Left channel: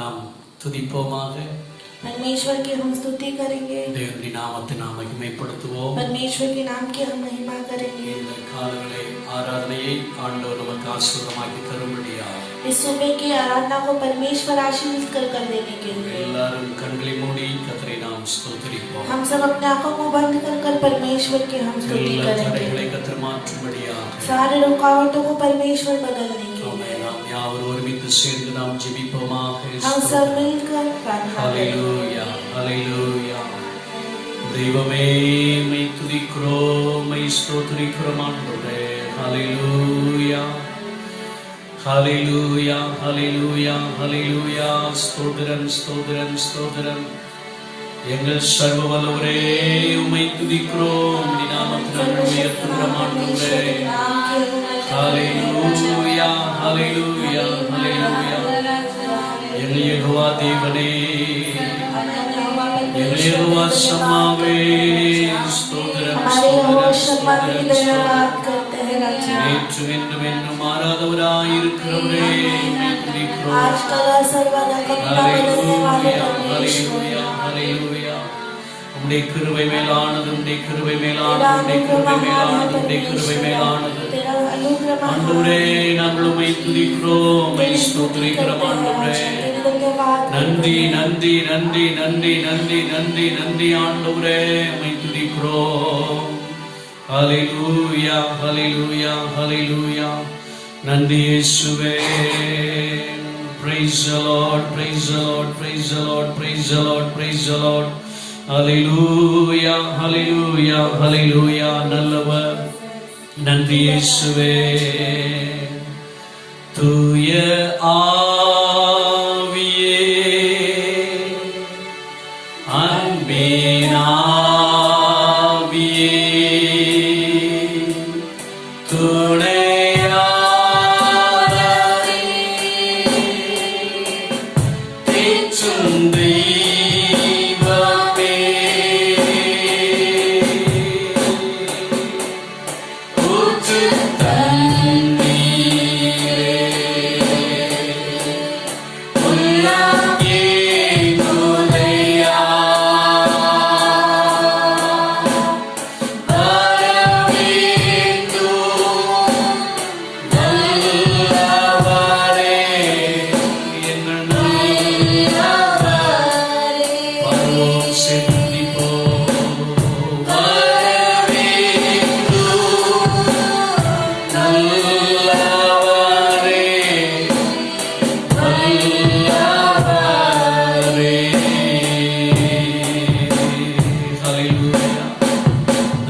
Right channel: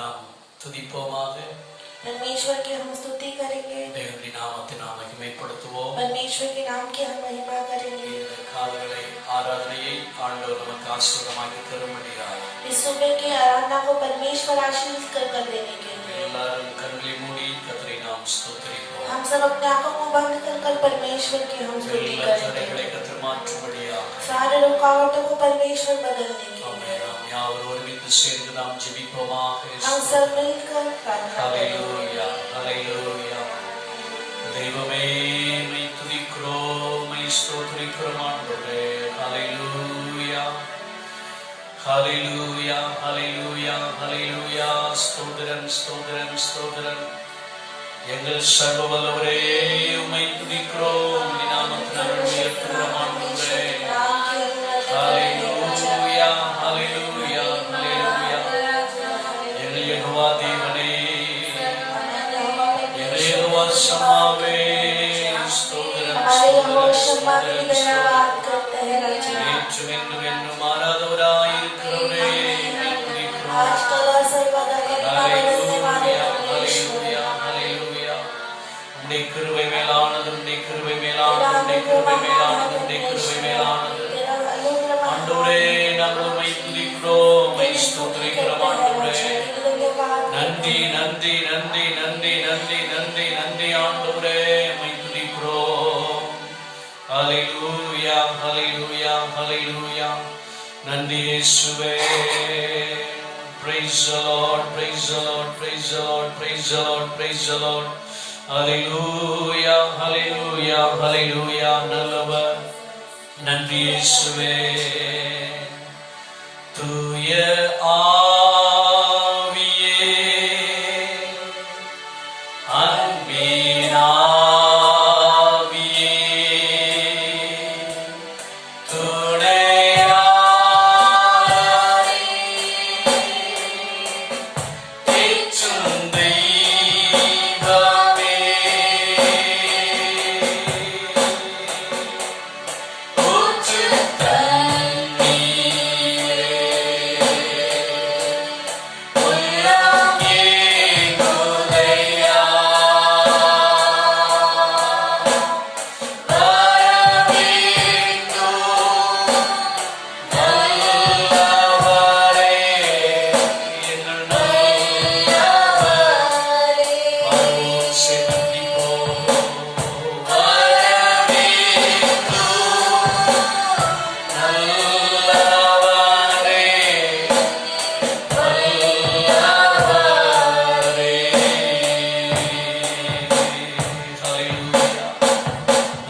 நாம் துதிப்போமாக. परमेश्वर की हम स्तुति करेंगे, தேவனுடைய நாமத்தை நாம் மகிமைப்படுத்துவோம். परमेश्वर के नाम की हम महिमा करेंगे। இந்த காலங்களை ஆராதனையை ஆண்டவர் நமக்கு ஆசீர்வாதமாக்கி தரும்படியாக इस सुबह की आराधना को परमेश्वर आशीष कर देने के लिए எல்லாரும் கண்களை மூடி கர்த்தரை நாம் ஸ்தோத்திரிப்போம். हम सब अपने आंखों को बंद कर परमेश्वर की हम स्तुति எல்லா करेंगे। தடைகளை கர்த்தர் மாற்றும்படியாக सारे रुकावटों को परमेश्वर बदलने के लिए நாம் யாவரும் ஒருமித்து சேர்ந்து நாம் ஜெபிப்போமாக. हम सब मिलकर प्रार्थना करें। ஹல்லேலூயா, ஹல்லேலூயா. தெய்வமே மை துதிக்கிறோம், மை ஸ்தோத்திரிக்கிறோம் ஆண்டவரே. ஹல்லேலூயா, ஹல்லேலூயா, ஹல்லேலூயா, ஹல்லேலூயா. ஸ்தோத்திரம், ஸ்தோத்திரம், ஸ்தோத்திரம். எங்கள் சர்வ வல்லவரே உம்மை துதிக்கிறோம், உம்முடைய நாமத்தை உயர்த்துகிறோம் ஆண்டவரே. ஹல்லேலூயா, ஹல்லேலூயா, ஹல்லேலூயா. எங்கள் யெகோவா தேவனே, எங்கள் யெகோவா ஷம்மாவே, ஸ்தோத்திரம், ஸ்தோத்திரம், ஸ்தோத்திரம், ஸ்தோத்திரம். நேற்று என்றும் என்றும் மாறாதவராயிருக்கிறவரே உம்மை துதிக்கிறோம். ஹல்லேலூயா, ஹல்லேலூயா, ஹல்லேலூயா. உம்முடைய கிருபை மேலானது, உம்முடைய கிருபை மேலானது, உம்முடைய கிருபை மேலானது, உம்முடைய கிருபை மேலானது. ஆண்டவரே நாங்கள் உம்மை துதிக்கிறோம், உம்மை ஸ்தோத்திரிக்கிறோம் ஆண்டவரே. நன்றி, நன்றி, நன்றி, நன்றி, நன்றி, நன்றி, நன்றி ஆண்டவரே, உம்மை துதிக்கிறோம். ஹல்லேலூயா, ஹல்லேலூயா, ஹல்லேலூயா. நன்றி இயேசுவே. Praise the Lord, praise the Lord, praise the Lord, praise the Lord, praise the Lord. Hallelujah, hallelujah, hallelujah. நல்லவர். நன்றி இயேசுவே. தூய ஆவியே, அன்பின் ஆவியே, துணையாளரே, தேற்றும் தெய்வமே, ஊற்றுத் தண்ணீரே, உள்ளம் ஏங்குதையா, வரவேண்டும் நல்லவரே, எங்கள் நல்லவரே. பாடுவோம், சேர்ந்து துதிப்போம். வரவேண்டும் நல்லவரே, நல்லவரே. ஹல்லேலூயா.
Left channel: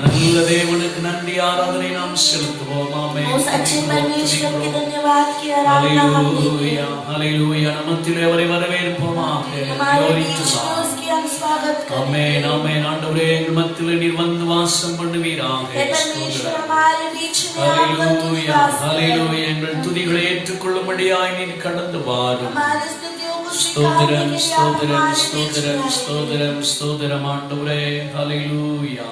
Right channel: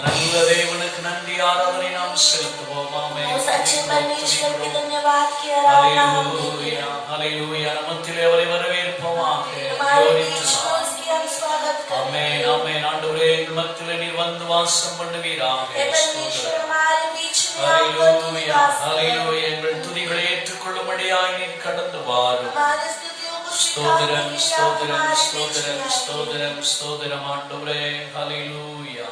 நல்ல தேவனுக்கு நன்றி ஆராதனை நாம் செலுத்துவோம். ஆமென். उस अच्छे परमेश्वर के धन्यवाद की आराधना हम ஹல்லேலூயா, ஹல்லேலூயா. நமத்திலே அவரை வரவேற்போமாக. हमारे बीच में उसकी हम स्वागत करें। ஆமென், ஆமென். ஆண்டவரே எங்கள் மத்தியிலே நீர் வந்து வாசம் பண்ணுவீராக. हे परमेश्वर हमारे बीच में आकर तू ஹல்லேலூயா, निवास करे। ஹல்லேலூயா. எங்கள் துதிகளை ஏற்றுக்கொள்ளும்படியாய் நீர் கடந்து வாரும். हमारे स्तुतियों को ஸ்தோத்திரம், स्वीकारने के लिए आप ஸ்தோத்திரம், हमारे बीच ஸ்தோத்திரம், में आए। ஸ்தோத்திரம், ஸ்தோத்திரம் ஆண்டவரே. ஹல்லேலூயா.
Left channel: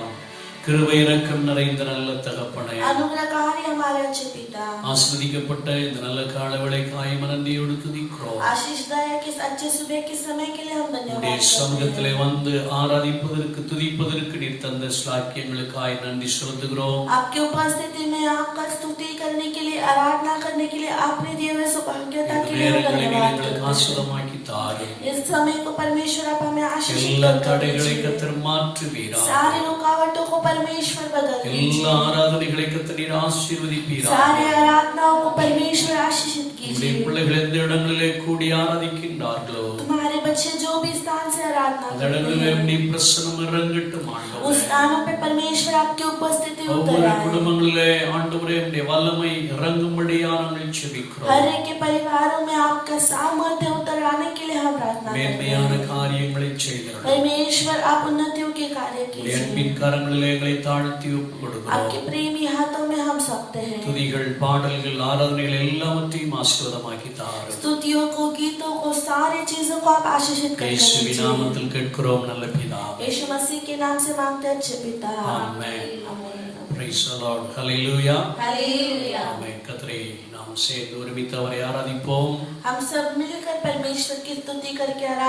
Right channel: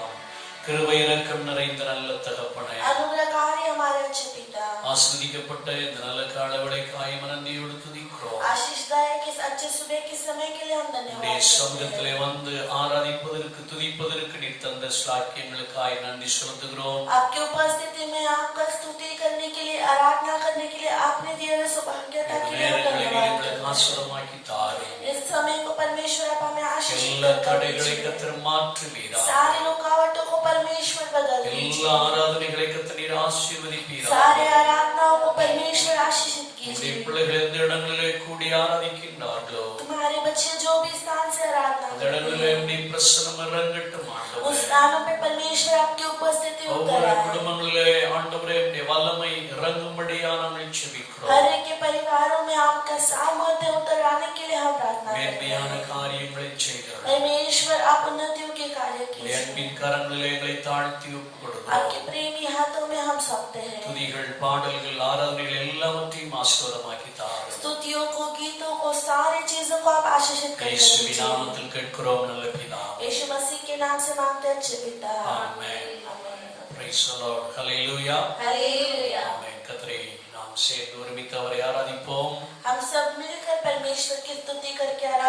கிருபை இரக்கம் நிறைந்த நல்ல தகப்பனே, अनुग्रहकारी हमारे अच्छे पिता, ஆசீர்வதிக்கப்பட்ட இந்த நல்ல காலவேளைக்காய் மனதியோடு துதிக்கிறோம். आशीषदायक इस अच्छे सुबह के समय के लिए हम உம்முடைய धन्यवाद करते சமூகத்திலே हैं। வந்து ஆராதிப்பதற்கு துதிப்பதற்கு நீர் தந்த ஸ்லாக்கியங்களுக்காய் நன்றி செலுத்துகிறோம். आपकी उपस्थिति में आपका स्तुति करने के लिए, आराधना करने के लिए आपने दिए हुए सौभाग्यता के लिए हम நேரங்களை धन्यवाद எங்களுக்கு करते हैं। ஆசீர்வாதமாக்கி தாரும். इस समय को परमेश्वर आप हमें आशीषित எல்லா कर தடைகளை दीजिए। கர்த்தர் மாற்றுவீராக. सारी रुकावटों को परमेश्वर बदल दीजिए। எல்லா ஆராதனைகளை கர்த்தர் நீர் ஆசீர்வதிப்பீராக. सारे आराधनाओं को परमेश्वर आशीषित உம்முடைய कीजिए। பிள்ளைகள் எந்த இடங்களிலே கூடி ஆராதிக்கின்றார்களோ तुम्हारे बच्चे जो भी स्थान से आराधना அந்த करते இடங்களிலே हैं, உம்முடைய பிரசன்னம் இறங்கட்டும் उस ஆண்டவரே. स्थानों पे परमेश्वर आपकी उपस्थिति उतर ஒவ்வொரு आए। குடும்பங்களிலே ஆண்டவரே உம்முடைய வல்லமை இறங்கும்படியா நாங்கள் செபிக்கிறோம். हर एक के परिवारों में आपका सामर्थ्य उतर आने के लिए हम प्रार्थना करते மேன்மையான हैं। காரியங்களை செய்கிறோம். परमेश्वर आप उन्नतियों के कार्य உம்முடைய कीजिए। அன்பின் கரங்களிலே எங்களை தாழ்த்தி ஒப்புக் கொடுக்கிறோம். आपके प्रेमी हाथों में हम सौंपते हैं। துதிகள், பாடல்கள், ஆராதனைகள் எல்லாவற்றையும் ஆசீர்வாதமாக்கி தாரும். स्तुतियों को, गीतों को, सारी चीजों को आप आशीषित कर இயேசுவின் दीजिए। நாமத்தில் கேட்கிறோம் நல்ல பிதாவே. यीशु मसीह के नाम से मांगते हैं अच्छे पिता। ஆமென். आमीन। Praise the Lord. Hallelujah. Hallelujah. Amen. கர்த்தரை நாம் சேர்ந்து ஒருமித்து அவரை ஆராதிப்போம். हम सब मिलकर परमेश्वर की स्तुति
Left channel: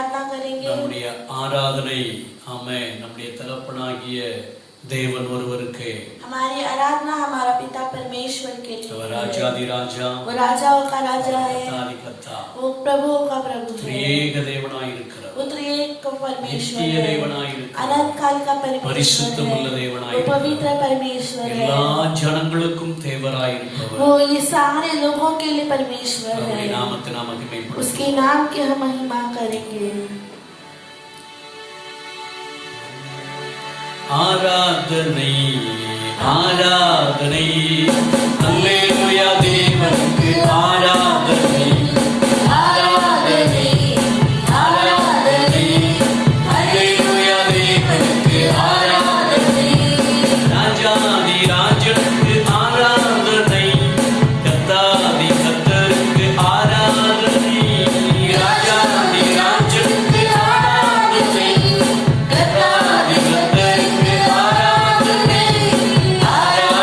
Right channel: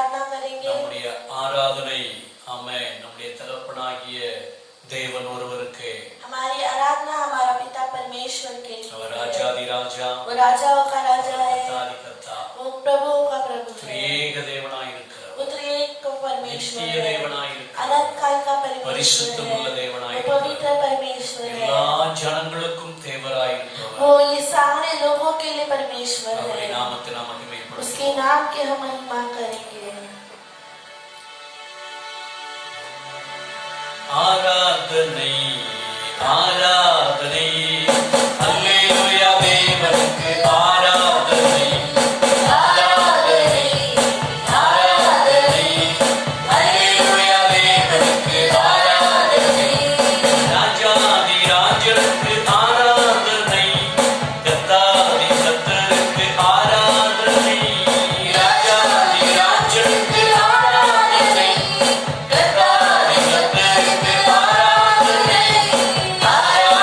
आराधना करेंगे। நம்முடைய ஆராதனை ஆமென் நம்முடைய தகப்பனாகிய தேவன் ஒருவருக்கு हमारी आराधना हमारा पिता परमेश्वर के लिए அவர் ராஜாதி ராஜா वो राजाओं का राजा है, கர்த்தாதி கர்த்தா वो प्रभुओं का प्रभु है, திரியேக தேவனாய் இருக்கிறவர் वो त्रिएक का परमेश्वर நித்திய है, தேவனாய் இருக்கிறவர் अनंत काल का परमेश्वर பரிசுத்தமுள்ள है, தேவனாய் वो இருக்கிறவர் पवित्र परमेश्वर है, எல்லா ஜனங்களுக்கும் தேவராய் இருப்பவர் वो ये सारे लोगों के लिए परमेश्वर அவருடைய है। நாமத்தை நாம் மகிமைப்படுத்துவோம் उसके नाम की हम महिमा करेंगे। ஆராதனை ஆராதனை அல்லேலூயா தேவனுக்கு ஆராதனை ஆராதனை ஆராதனை அல்லேலூயா தேவனுக்கு ஆராதனை ராஜாதி ராஜனுக்கு ஆராதனை கர்த்தாதி கர்த்தருக்கு ஆராதனை ராஜாதி ராஜனுக்கு ஆராதனை கர்த்தாதி கர்த்தருக்கு ஆராதனை ஆராதனை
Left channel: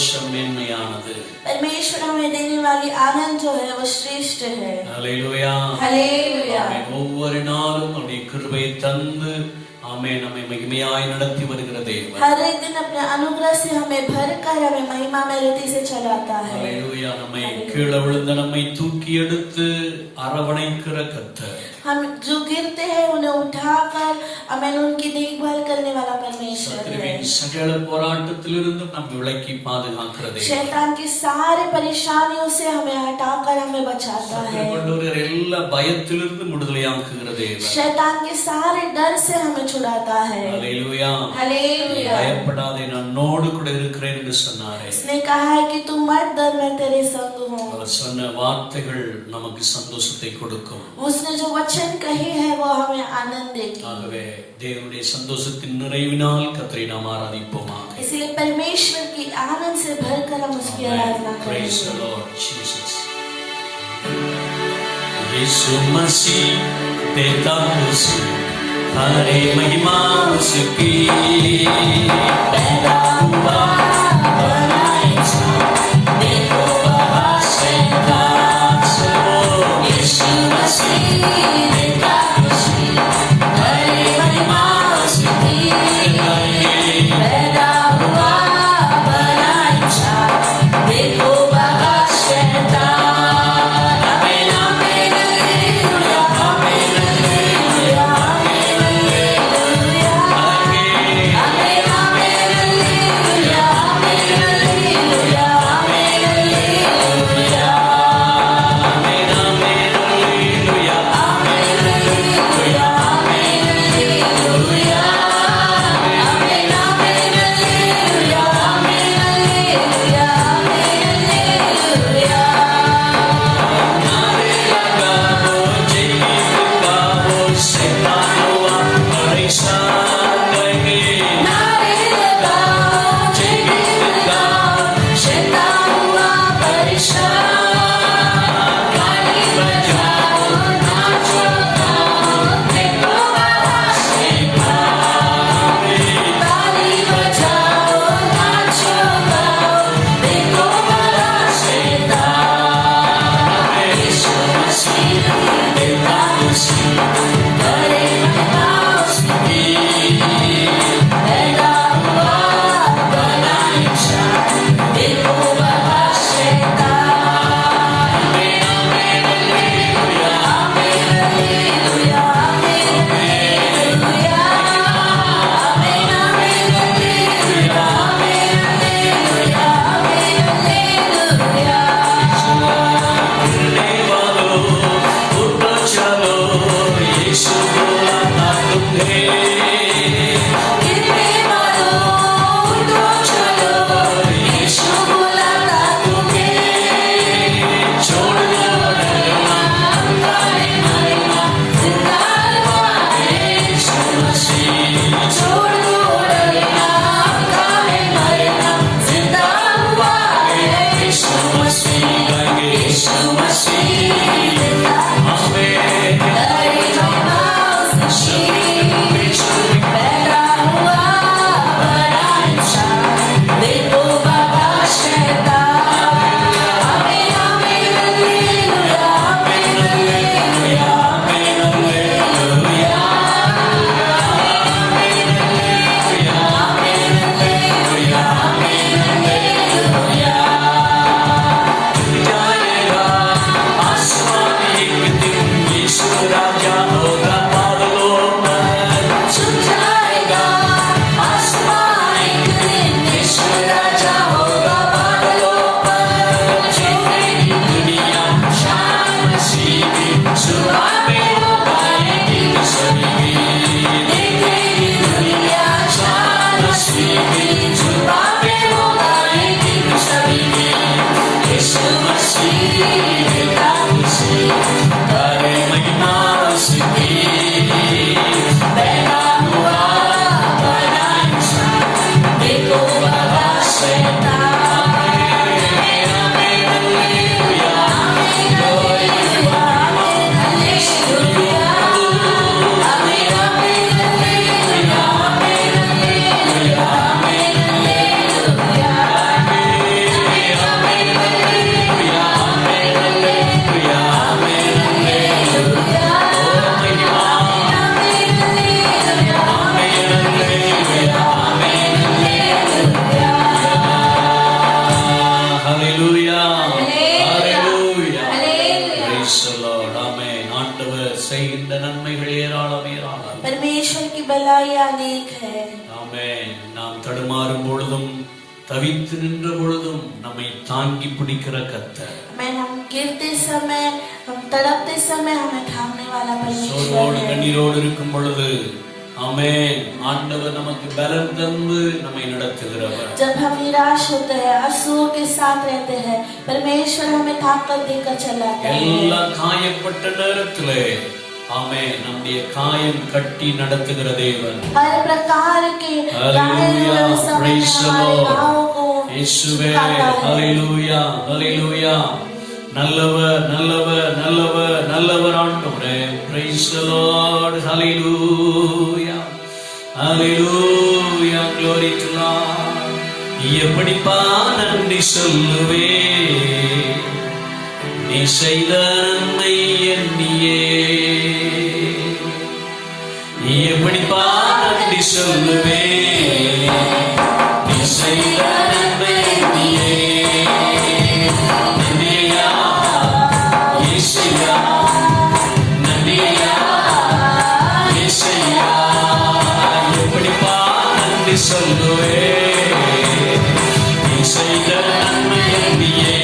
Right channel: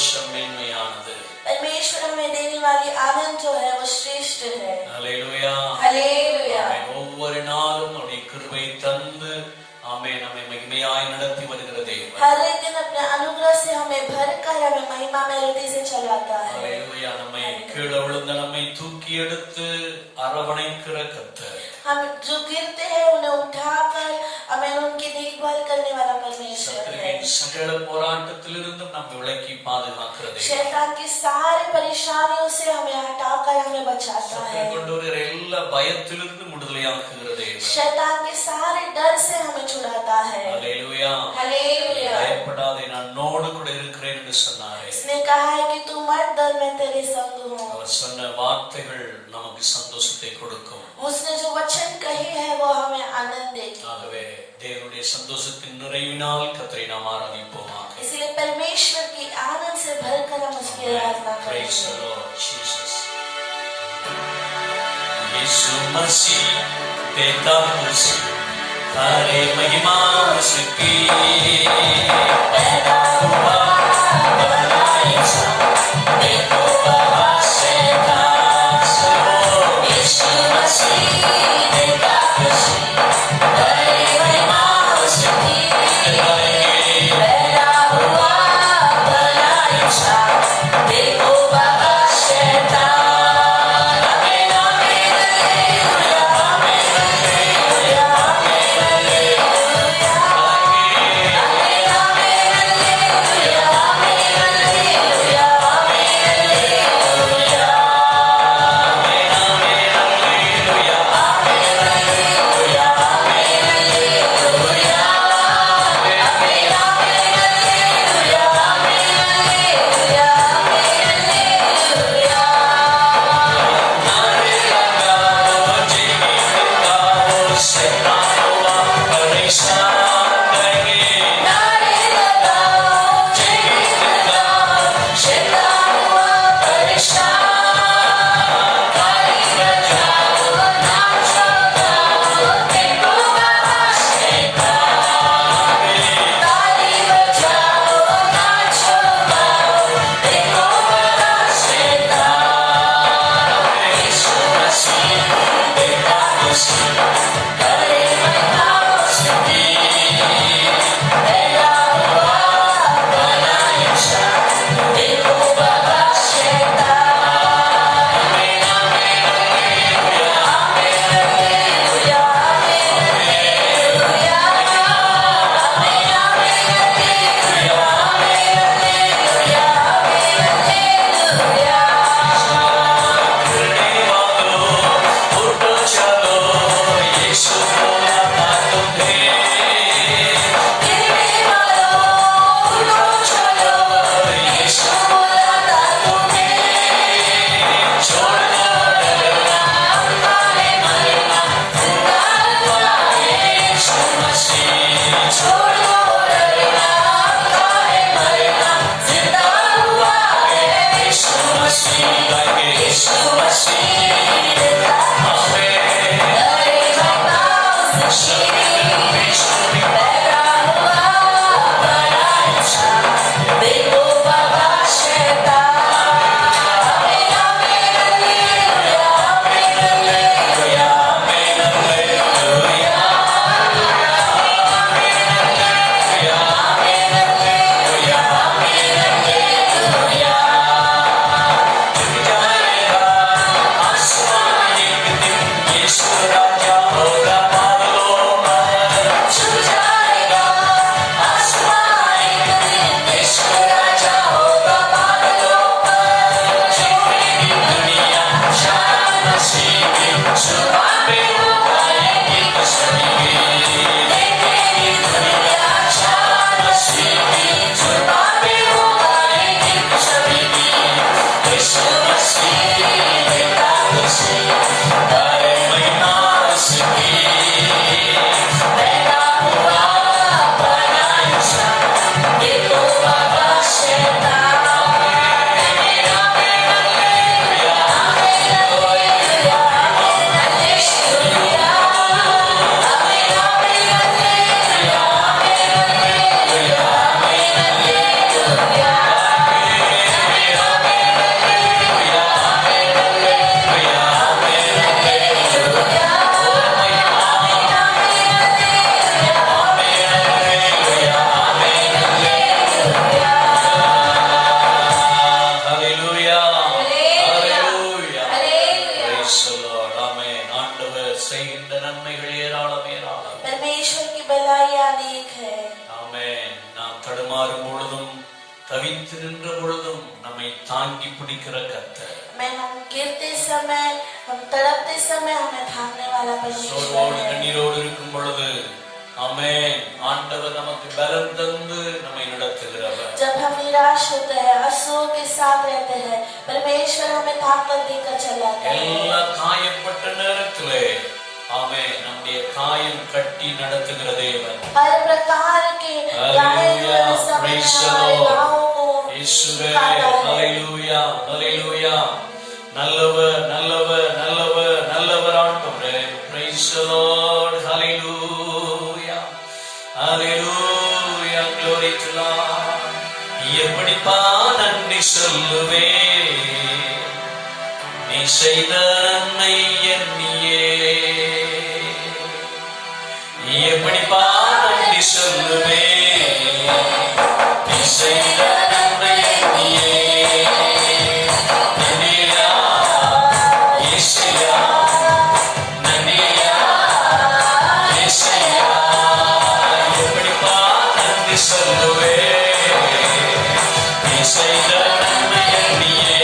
சந்தோஷம் மேன்மையானது. परमेश्वर हमें देने वाली आनंद जो है वो श्रेष्ठ है. ஹல்லேலூயா. हालेलुया. ஆமென். ஒவ்வொரு நாளும் அவருடைய கிருபையை தந்து ஆமென் நம்மை மகிமையாய் நடத்தி வருகிற தேவன். हर एक दिन अपने अनुग्रह से हमें भरकर हमें महिमा में रीति से चलाता है. ஹல்லேலூயா. நம்மை கீழே விழுந்த நம்மை தூக்கி எடுத்து அரவணைக்கிற கர்த்தர். हम जो गिरते हैं उन्हें उठाकर हमें उनकी देखभाल करने वाला परमेश्वर है. சத்துருவின் சகல போராட்டத்திலிருந்து நம்மை விலக்கி பாதுகாக்கிற தேவன். शैतान की सारी परेशानियों से हमें हटाकर हमें बचाता है. சத்துரு கொண்டு வருகிற எல்லா பயத்திலிருந்து விடுதலையாக்குகிற தேவன். शैतान के सारे डर से हमें छुड़ाता है. ஹல்லேலூயா. हालेलुया. பயப்படாதே நான் உன்னோடு கூட இருக்கிறேன் என்று சொன்னாரே. इसने कहा है कि तू मत डर, मैं तेरे संग हूँ. அவர் சொன்ன வார்த்தைகள் நமக்கு சந்தோஷத்தை கொடுக்கும். उसने जो वचन कही है वो हमें आनंद देगी. ஆகவே தேவனுடைய சந்தோஷத்தின் நிறைவினால் கர்த்தரை நாம் ஆராதிப்போமாக. इसलिए परमेश्वर की आनंद से भरकर हम उसकी आराधना Praise the करेंगे. Lord Jesus. यीशु मसीह देता उसी हरे महिमा उसकी पैदा हुआ बनाया देखो वहाँ से दास हो. यीशु मसीह देता उसी हरे महिमा उसकी पैदा हुआ बनाया देखो वहाँ से दास. Amen amen hallelujah amen hallelujah amen hallelujah amen amen hallelujah amen hallelujah amen hallelujah amen amen hallelujah amen hallelujah amen hallelujah amen amen hallelujah amen hallelujah amen hallelujah. नारे लगाओ जीवित गाओ शैतान हुआ परेशान रहे. नारे लगाओ जीवित गाओ शैतान हुआ परेशान. ताली बजाओ नाचो गाओ देखो बाबा शैतान. ताली बजाओ नाचो गाओ देखो बाबा शैतान. यीशु मसीह देता उसी करे महिमा उसकी पैदा हुआ बनाया देखो बाबा शैतान. Amen amen hallelujah amen hallelujah amen hallelujah amen amen hallelujah amen hallelujah amen hallelujah. गिरने वालों उठो चलो यीशु बुलाता तुम्हें. गिरने वालों उठो चलो यीशु बुलाता तुम्हें. छोड़ दो डरना उनका है मरना जिंदा हुआ है यीशु मसीह. छोड़ दो डरना उनका है मरना जिंदा हुआ है यीशु मसीह. यीशु मसीह आमेन. हरे महिमा उसकी पैदा हुआ बनाया देखो बाबा शैतान. Amen amen hallelujah amen hallelujah amen hallelujah amen hallelujah amen hallelujah amen hallelujah. जाएगा आसमान एक दिन यीशु राजा होगा बादलों पर. छू जाएगा आसमान एक दिन यीशु राजा होगा बादलों पर. देखेगी दुनिया शान मसीह की सुबह हो गाएगी सभी की. देखेगी दुनिया शान मसीह की सुबह हो गाएगी सभी की. यीशु मसीह देता उसी करे महिमा उसकी पैदा हुआ बनाया देखो बाबा शैतान. Amen amen hallelujah amen hallelujah amen hallelujah amen amen hallelujah amen hallelujah amen hallelujah தவித்து நின்ற பொழுதும் நம்மை தாங்கி பிடிக்கிற கர்த்தர். मैं हम गिरते समय, हम तड़पते समय हमें थामने वाला परमेश्वर சோர்வோடு है। கண்ணீரோடு இருக்கும் பொழுது ஆமென், ஆண்டவர் நமக்கு பலம் தந்து நம்மை நடத்துகிறவர். जब हम निराश होते हैं, आंसुओं के साथ रहते हैं, परमेश्वर हमें ताकत देकर चलाता है। எல்லா காயப்பட்ட நேரத்திலே ஆமென், நம்முடைய காயம் கட்டி நடத்துகிற தேவன். हर प्रकार के Hallelujah, समय praise the हमारे Lord. घावों को இயேசுவே, सुखाता है। ஹalleluya, ஹalleluya. நல்லவர் நல்லவர் நல்லவர் நல்லவர் ஆண்டவரே. praise the Lord. hallelujah, hallelujah, glory to Lord. எப்படிப்பா நன்றி சொல்லுவே நீ செய்த நன்மை எண்ணியே. எப்படிப்பா நன்றி சொல்லுவே நீ செய்த நன்மை எண்ணியே. நன்றியா இயேசுயா, நன்றியா இயேசுயா. எப்படிப்பா நன்றி சொல்லுவே நீ செய்த நன்மை எண்ணியே.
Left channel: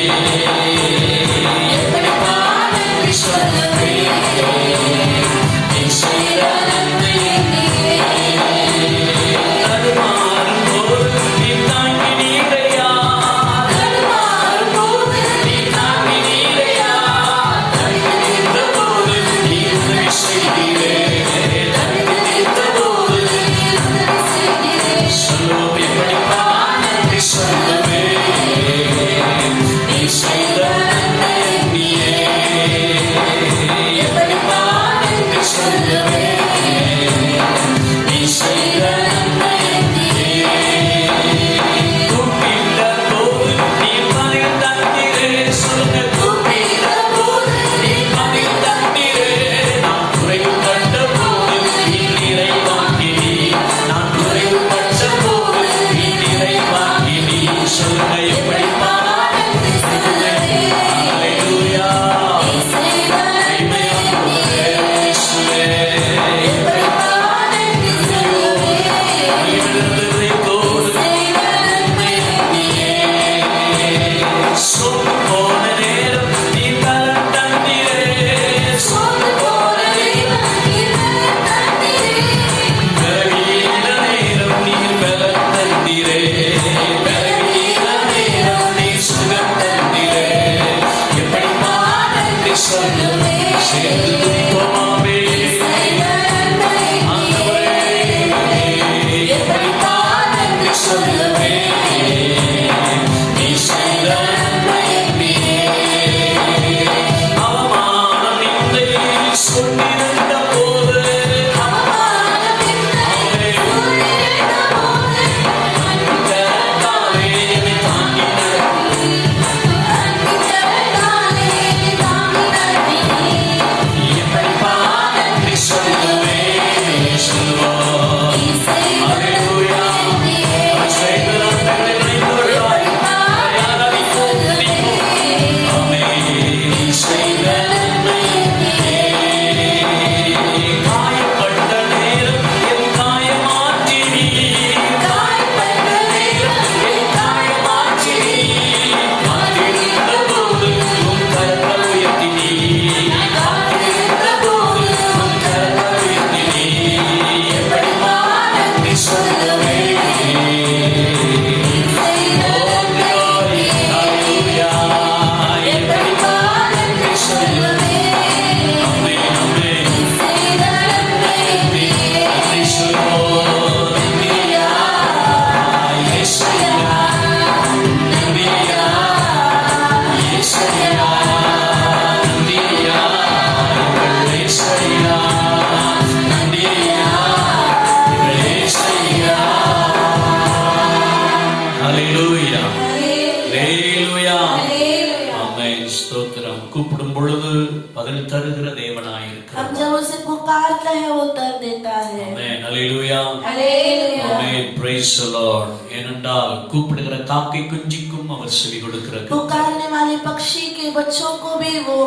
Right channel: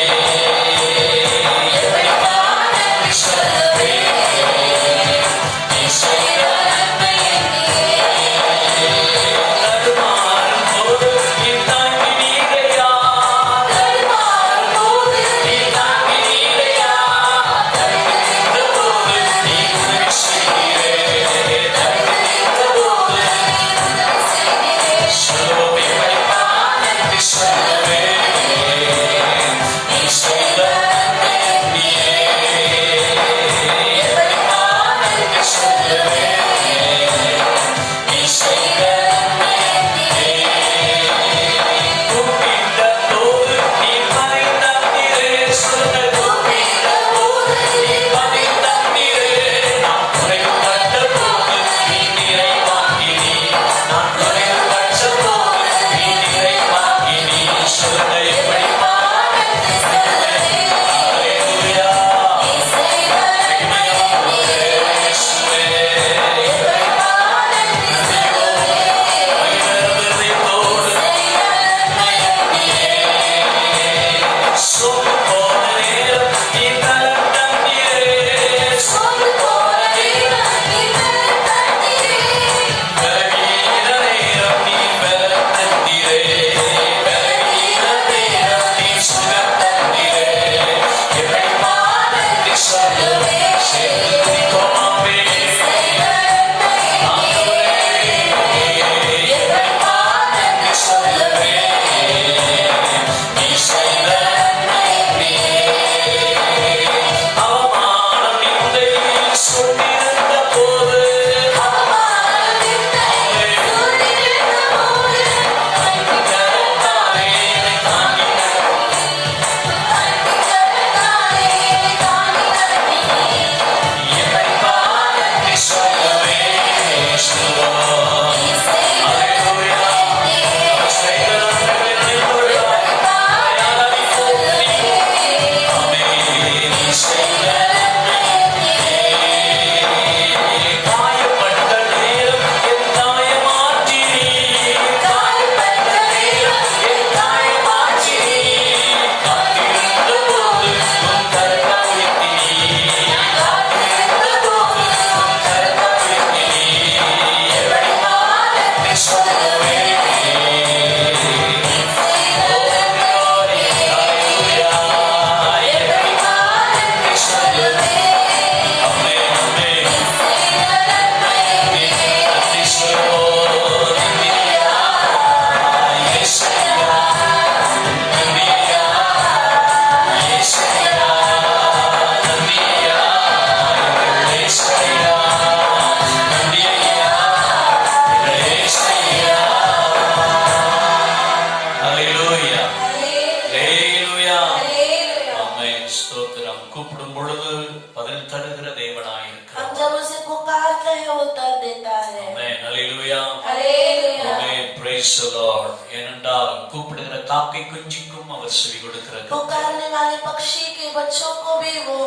கூப்பிடும் பொழுது பதில் தருகிற தேவனாயிருக்கிறார். हम जब उसे पुकारते हैं वो उत्तर देता है. ஆமென். ஹல்லேலூயா. ஹல்லேலூயா. ஆமென். praise the Lord. ஏனென்றால் கூப்பிடுகிற காக்கை குஞ்சுக்கும் அவர் செவி கொடுக்கிறார். पुकारने वाले पक्षी के बच्चों को भी वो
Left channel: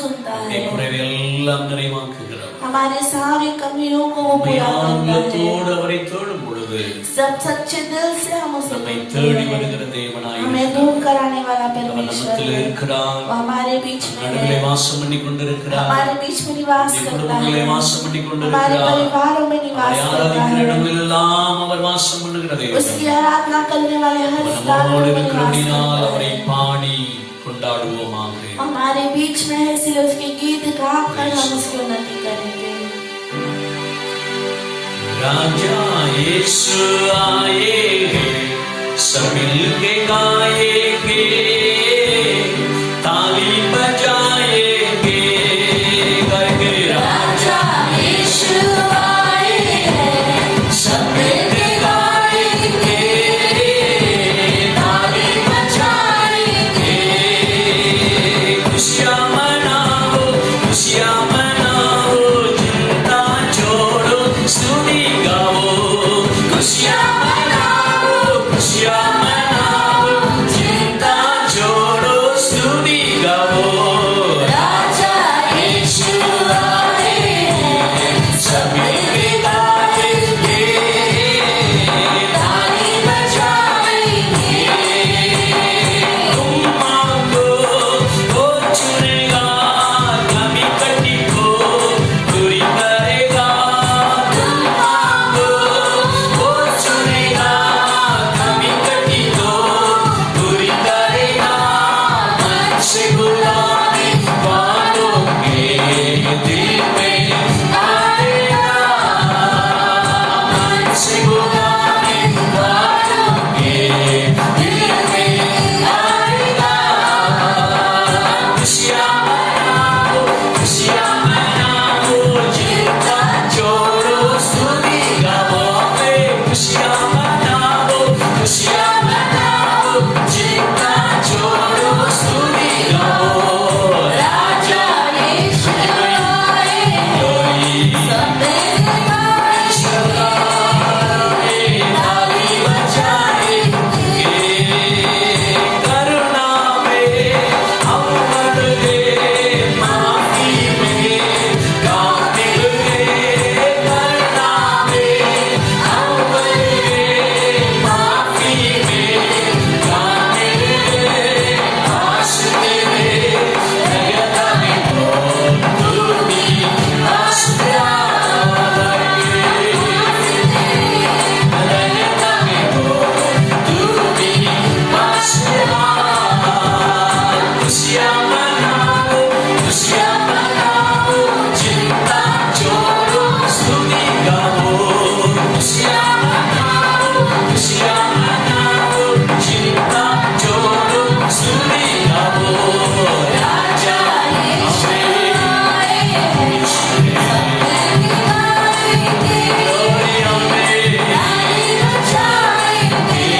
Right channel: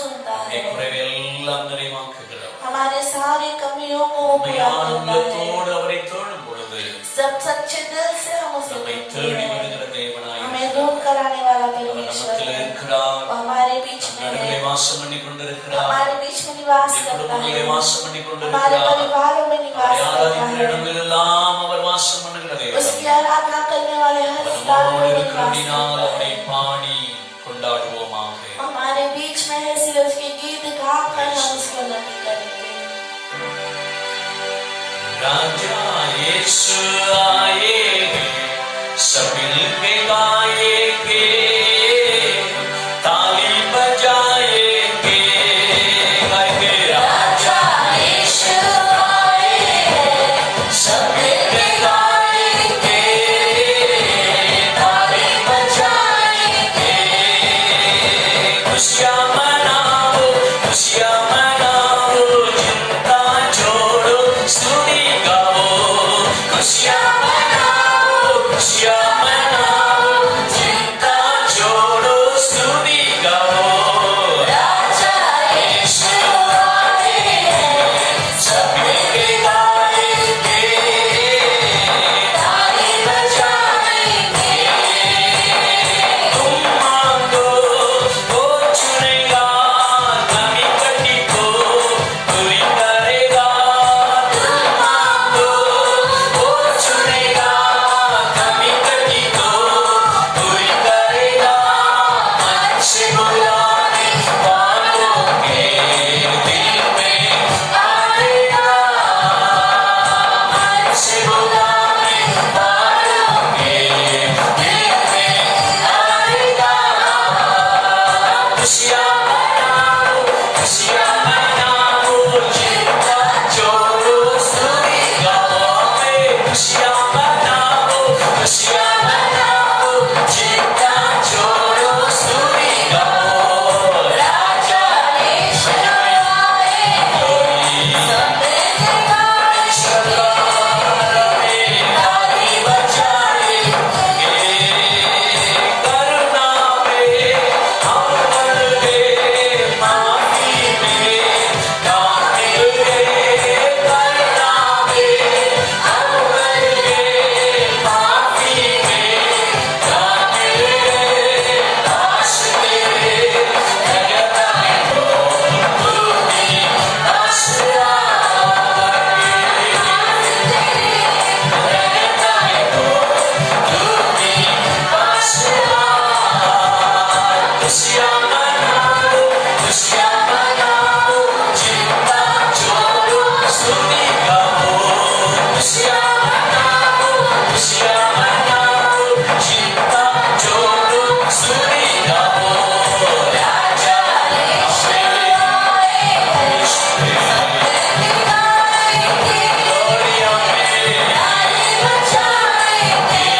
सुनता है. குறைவெல்லாம் நிறைவாக்குகிறார். हमारे सारे कमियों को पूरा करता है. உள்ளத்தோடு அவரை தேடும் பொழுது பொழுது सब सच्चे दिल से हम उसे நம்மை ढूंढते தேடி हैं। வருகிற தேவனாய் हमें ढूंढ कर आने वाला அவர் परमेश्वर நம்மத்தில் है। இருக்கிறார். वो हमारे बीच में நடுவிலே है, வாசம் பண்ணி கொண்டிருக்கிறார். हमारे बीच में निवास நம்முடைய करता குடும்பங்களே है, வாசம் பண்ணி हमारे கொண்டிருக்கிறார். परिवारों में निवास அவரை करता ஆராதிக்கிற है। இடமெல்லாம் அவர் வாசம் பண்ணுகிற தேவன். उसकी आराधना करने वाले हर அவர் स्थान நம்மோடு में இருக்கிறபடினால் निवास அவரை करता है। பாடி கொண்டாடுவோமாக. हमारे बीच में है, इसलिए उसके गीत गाकर हम उसकी उन्नति करेंगे। राजा यीशु आए हैं, सब मिलके गाएंगे, ताली बजाएंगे, गाएंगे। राजा यीशु आए हैं, सब मिलके गाएंगे, ताली बजाएंगे। खुशियाँ मनाओ, खुशियाँ मनाओ, चिंता छोड़ो, स्तुति गाओ। खुशियाँ मनाओ, खुशियाँ मनाओ, चिंता छोड़ो, स्तुति गाओ। राजा यीशु आए हैं, सब मिलके गाएंगे, ताली बजाएंगे। तुम मांगो, वो चुनेगा, कमी कटी को पूरी करेगा। तुम मांगो, वो चुनेगा, कमी कटी को पूरी करेगा। मन से बुलाए बातों के दिल में आएगा। मन से बुलाए बातों के दिल में आएगा। खुशियाँ मनाओ, खुशियाँ मनाओ, चिंता छोड़ो, स्तुति गाओ। खुशियाँ मनाओ, खुशियाँ मनाओ, चिंता छोड़ो, स्तुति गाओ। राजा यीशु आए हैं, सब मिलके गाएंगे, ताली बजाएंगे। करुणा में हम बढ़ गए, माफी में काम मिल गए। करुणा में हम बढ़ गए, माफी में काम मिल गए। दास तेरे जगत में हो, तू भी दास खुशियाँ मनाओ, खुशियाँ मनाओ, चिंता छोड़ो, स्तुति गाओ। खुशियाँ मनाओ, खुशियाँ मनाओ, चिंता छोड़ो, स्तुति गाओ। राजा यीशु आए हैं, सब मिलके गाएंगे, ताली बजाएंगे।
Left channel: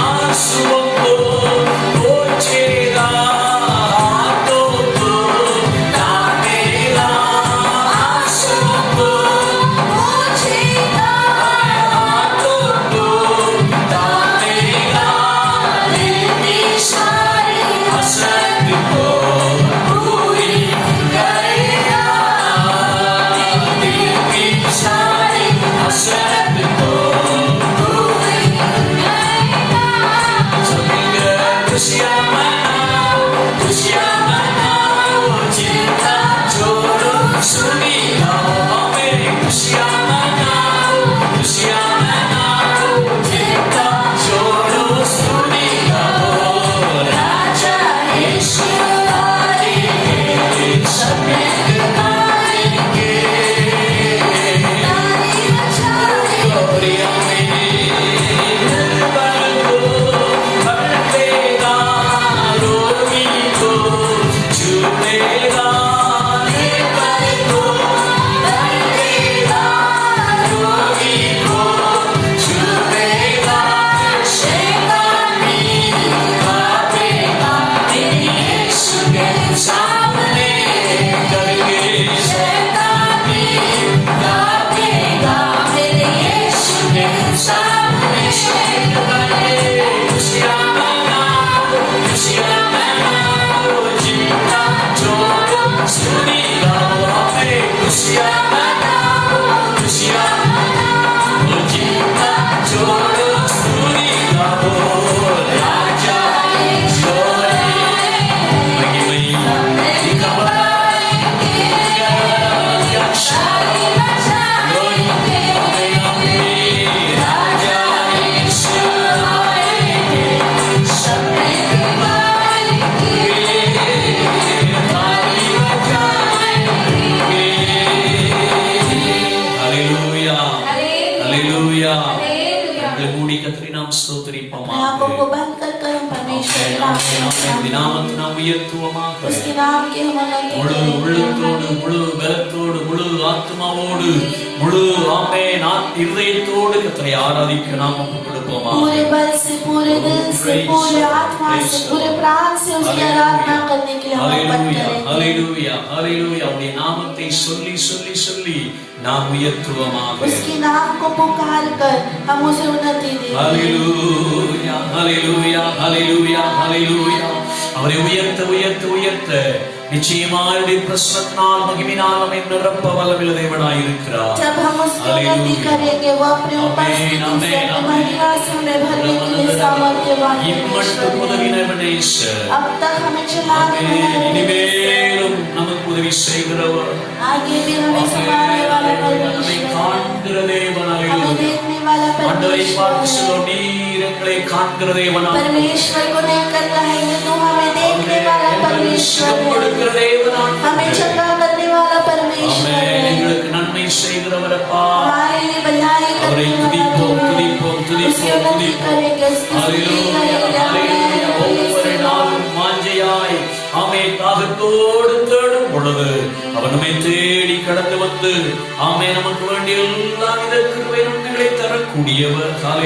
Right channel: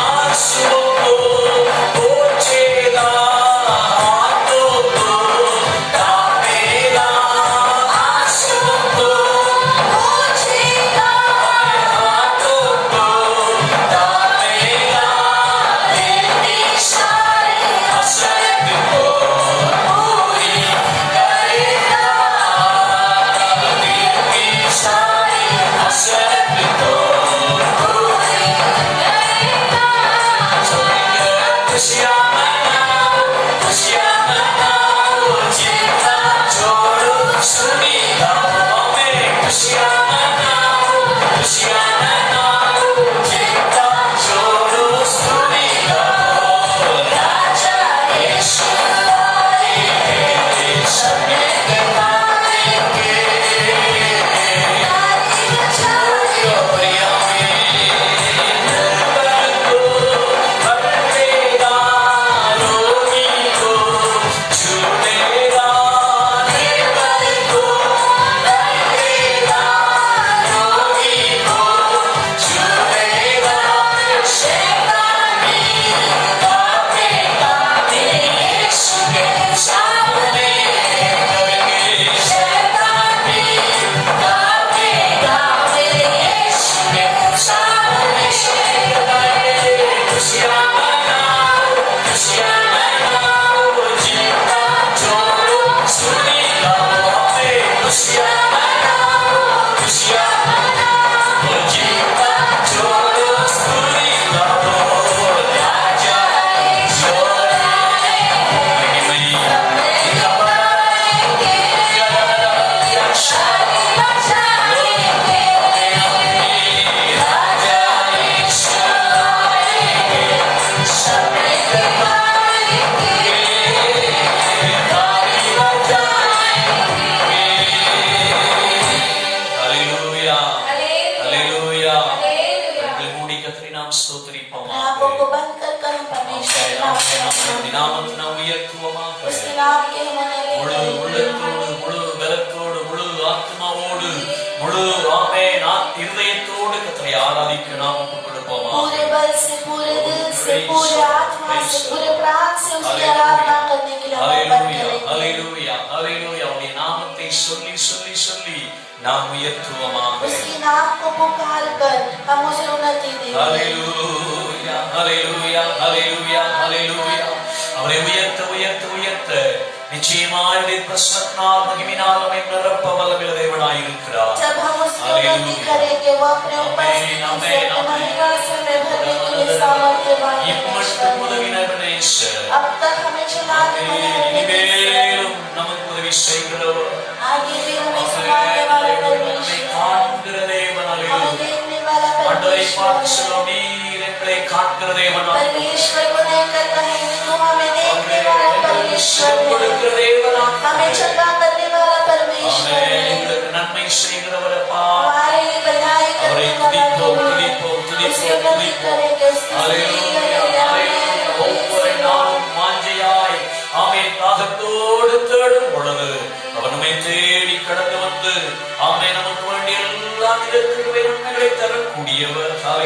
आंसुओं को पोंछेगा, हाथों को थामेगा। आंसुओं को पोंछेगा, हाथों को थामेगा। मेरी सारी हसरत को पूरी करेगा। मेरी सारी हसरत को पूरी करेगा। खुशियाँ मनाओ, खुशियाँ मनाओ, चिंता छोड़ो, स्तुति गाओ। खुशियाँ मनाओ, खुशियाँ मनाओ, चिंता छोड़ो, स्तुति गाओ। राजा यीशु आए हैं, सब मिलके गाएंगे, ताली बजाएंगे। निर्बल को भर देगा, रोगी को छूटेगा। निर्बल को भर देगा, रोगी को छूटेगा। शैतान भी कांपेगा, यीशु के सामने डरेंगे। शैतान भी कांपेगा, यीशु के सामने डरेंगे। खुशियाँ मनाओ, खुशियाँ मनाओ, चिंता छोड़ो, स्तुति गाओ। खुशियाँ मनाओ, खुशियाँ मनाओ, परमेश्वर नाम நம்முடைய நாமத்தை நாம் உயர்த்துவோமாக. उसके नाम के हम முழு உள்ளத்தோடு, முழு பலத்தோடு, முழு ஆத்மாவோடு, முழு இதயத்தோடு கர்த்தரை ஆராதிக்க நாம் ஒப்புக் கொடுப்போமா. पूरे बल से, पूरे दिल से, पूरे आत्मा से, पूरे प्राण से उसकी आराधना करने के लिए हम बंद करेंगे. Hallelujah, hallelujah. அவருடைய நாமத்தை சொல்லி சொல்லி சொல்லி நாம் உயர்த்துவோமாக. उसके नाम को पुकार कर हम उसे उन्नति देंगे. Hallelujah, hallelujah, hallelujah, hallelujah. அவரை உயர்த்த உயர்த்த உயர்த்த நிச்சயமாய் பிரசன்னால் மகிமையினால் நம்மை நிரப்ப வல்லமையுள்ள தேவனாய் இருக்கிறார். जब हम उसकी उन्नति करेंगे वो अपने उपस्थिति से महिमा से हमें भरने के लिए सामर्थ्यवान है. अब तक हमें चलाने இனிமேலும் நமக்கு உதவி செய்கிறவர், आगे भी हमें चलाने वाला परमेश्वर, காண்கிற தேவனாய் हमें देखने वाला परमेश्वर, நீர் எங்களை காண்கிற தேவனாய் परमेश्वर को देखकर कहेंगे तू हमें देखने वाला परमेश्वर है, हमें चंगा करने वाला परमेश्वर है, எங்களுக்கு நன்மை செய்கிறவரப்பா. हमारे लिए भलाई करने वाला परमेश्वर. उसकी उन्नति करेंगे, उसकी स्तुति करेंगे. ஒவ்வொரு நாளும் வாஞ்சையாய் தாகத்தோடு தேடும் பொழுது அவர் நம்மை தேடி கடந்து வந்து நமக்கு வேண்டிய எல்லா வித கிருபை நன்மைகளை தரக்கூடியவர். हर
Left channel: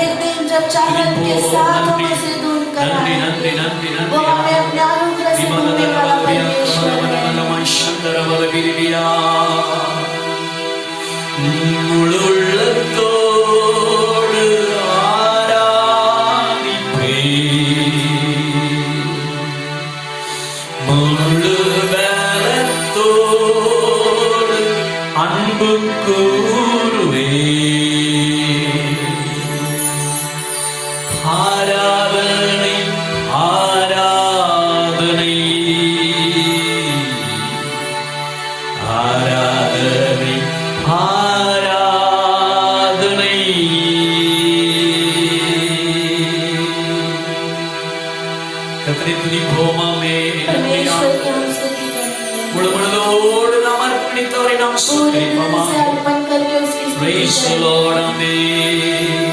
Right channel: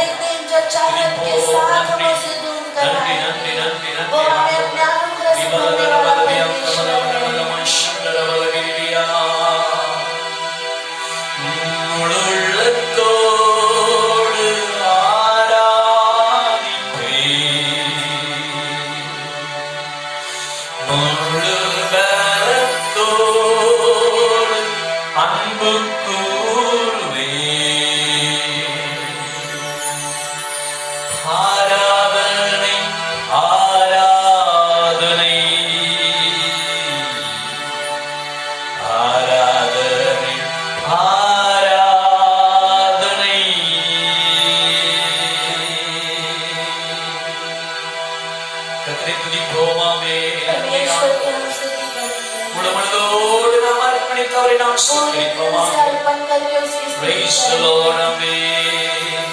एक दिन जब चाहत के साथ हम उसे ढूंढ कर நன்றி आएंगे, நன்றி நன்றி वो हमें अपने अनुग्रह से ढूंढने वाला परमेश्वर है. உள்ளத்தோடு ஆராதிப்பே, முழு பலத்தோடு அன்பு கூறுவே, ஆராதனை ஆராதனை ஆராதனை ஆராதனை. கர்த்தரை துதிப்போமாமே. परमेश्वर की हम स्तुति करेंगे, முழு மனதோடு நாம் அர்ப்பணித்தவரை நாம் पूरे दिल ஸ்தோத்திரிப்போமா. से अर्पण करके उसकी स्तुति Praise the करेंगे. Lord, amen.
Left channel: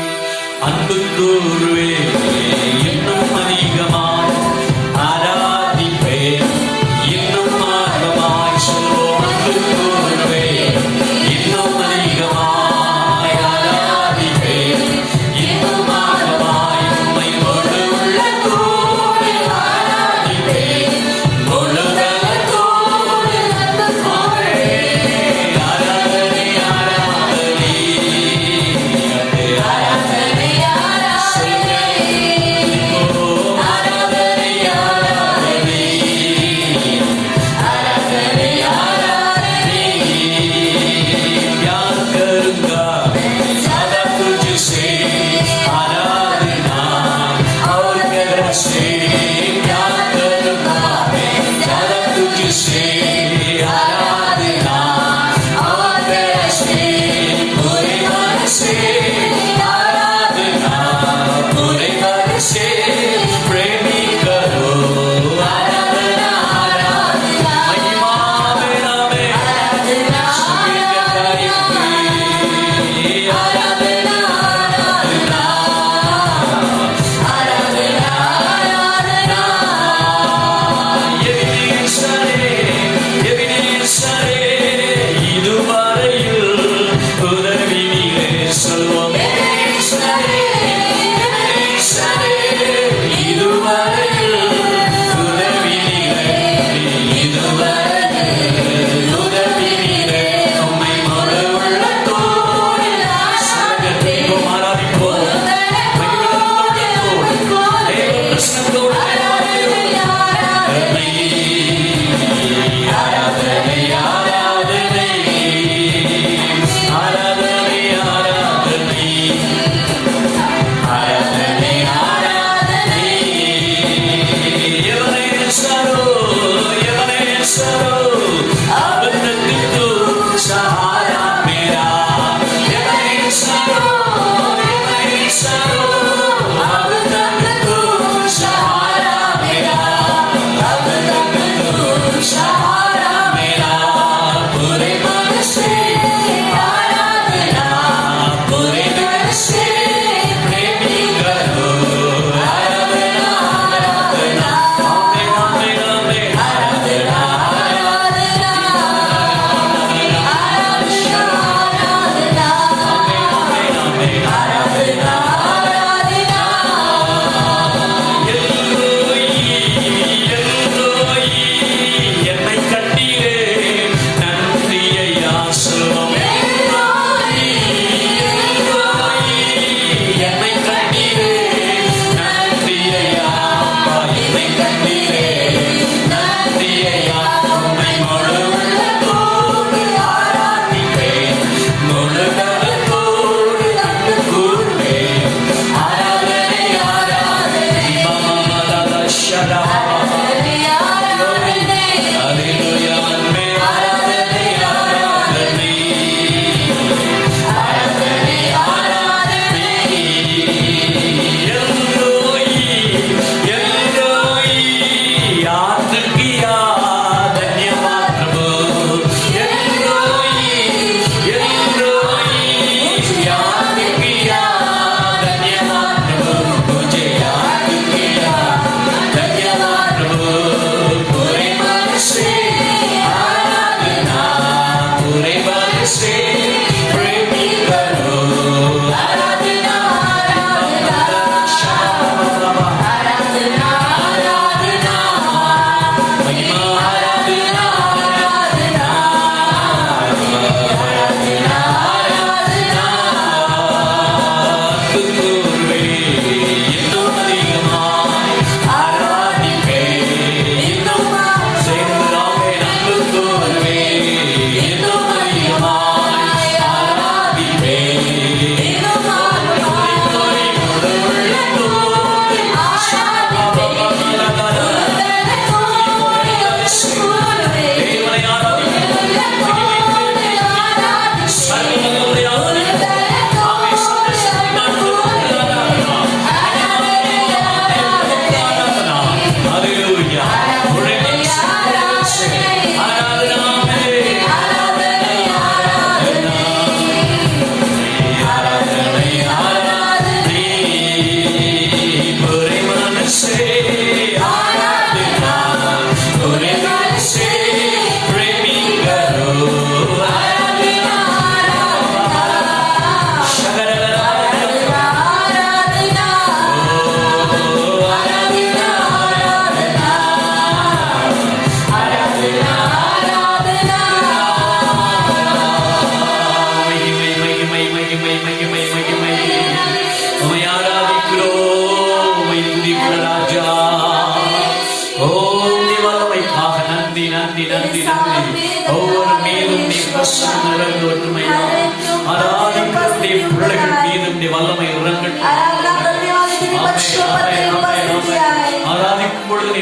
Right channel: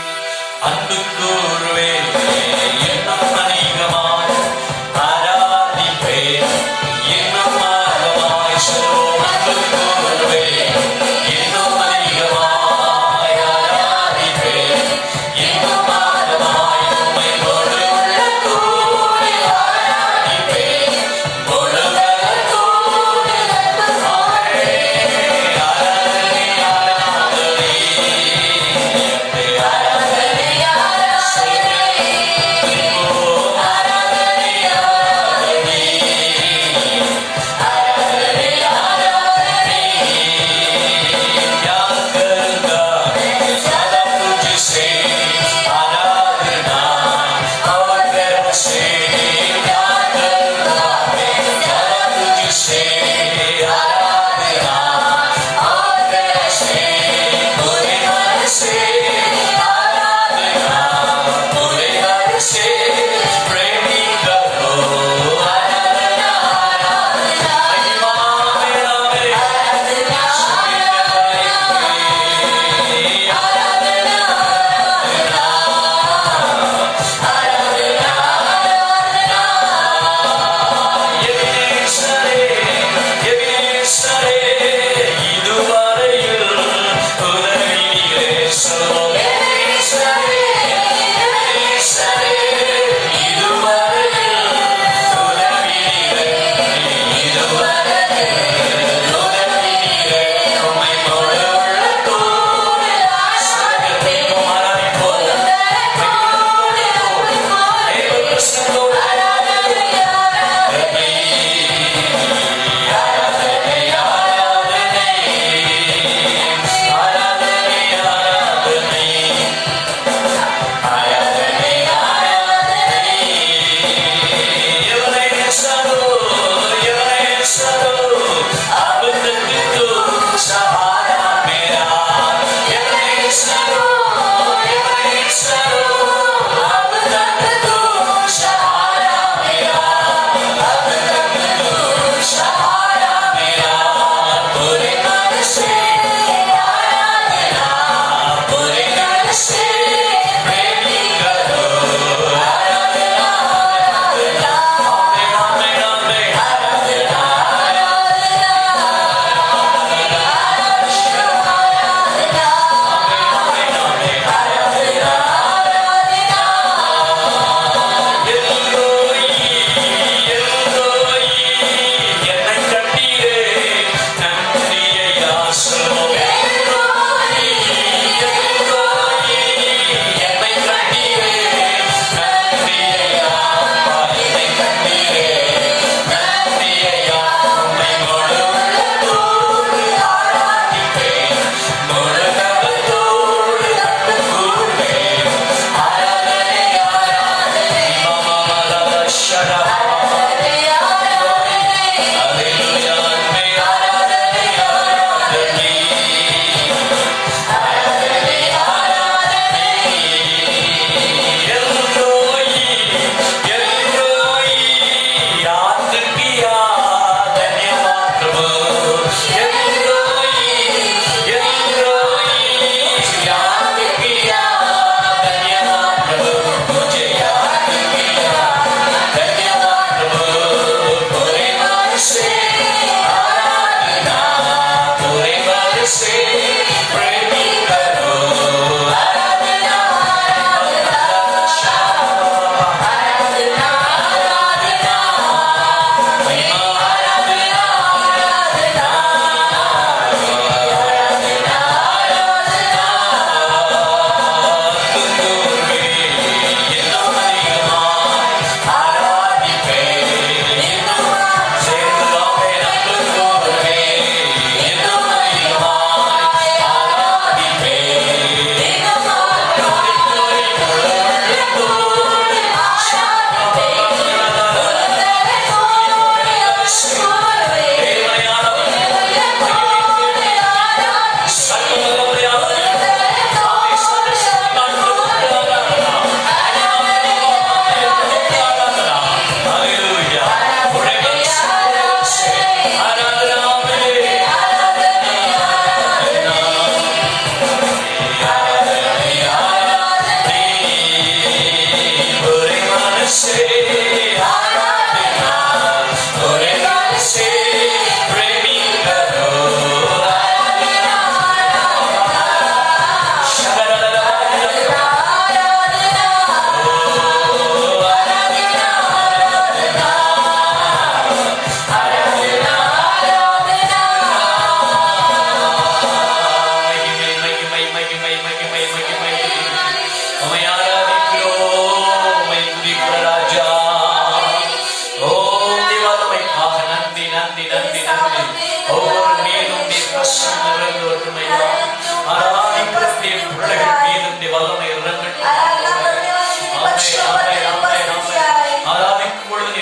அன்பு கூறுவே, இன்னும் அதிகமாய் ஆராதிப்பேன், இன்னும் ஆழமாய் சொல்வோம். அன்பு கூறுவே, இன்னும் அதிகமாய் ஆராதிப்பேன், இன்னும் ஆழமாய் உம்மை முழு உள்ளத்தோடு ஆராதிப்பேன், முழு பலத்தோடு ஆராதனை ஆராதனை ஆராதனை सहारा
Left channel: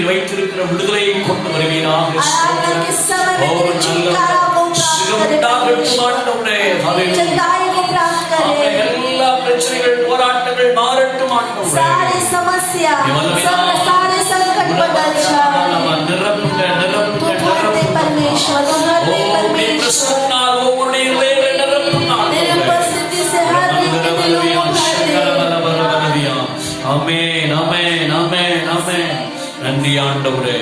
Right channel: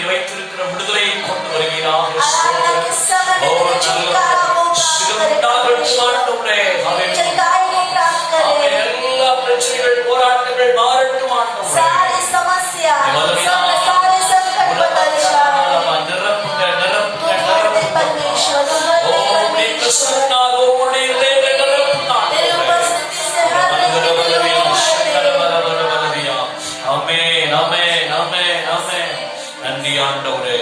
நீர் வைத்திருக்கிற விடுதலையை கொண்டு வருவீராக. आराधना के समय में ஓ तेरे நல்ல छुटकारा को प्राप्त சுகமுண்டாகட்டும் ஆண்டவரே. ஹalleluya. चंगाई को प्राप्त ஆமென். करे, எல்லா பிரச்சனைகள் போராட்டங்கள் மாறட்டும் ஆண்டவரே. सारी समस्या सारे संकट बदल जाए। நிரப்புங்க நிரப்புங்க धन्य நிரப்புங்க. परमेश्वर, ஓ धन्य உம்முடைய परमेश्वर, பிரசன்னத்தால் ஒவ்வொரு இதயங்களை நிரப்புங்க तेरे ஆண்டவரே. उपस्थिति से हर व्यक्ति को भर दे। ஆமென் ஆமென் ஆமென் ஆமென். நன்றி ஆண்டவரே.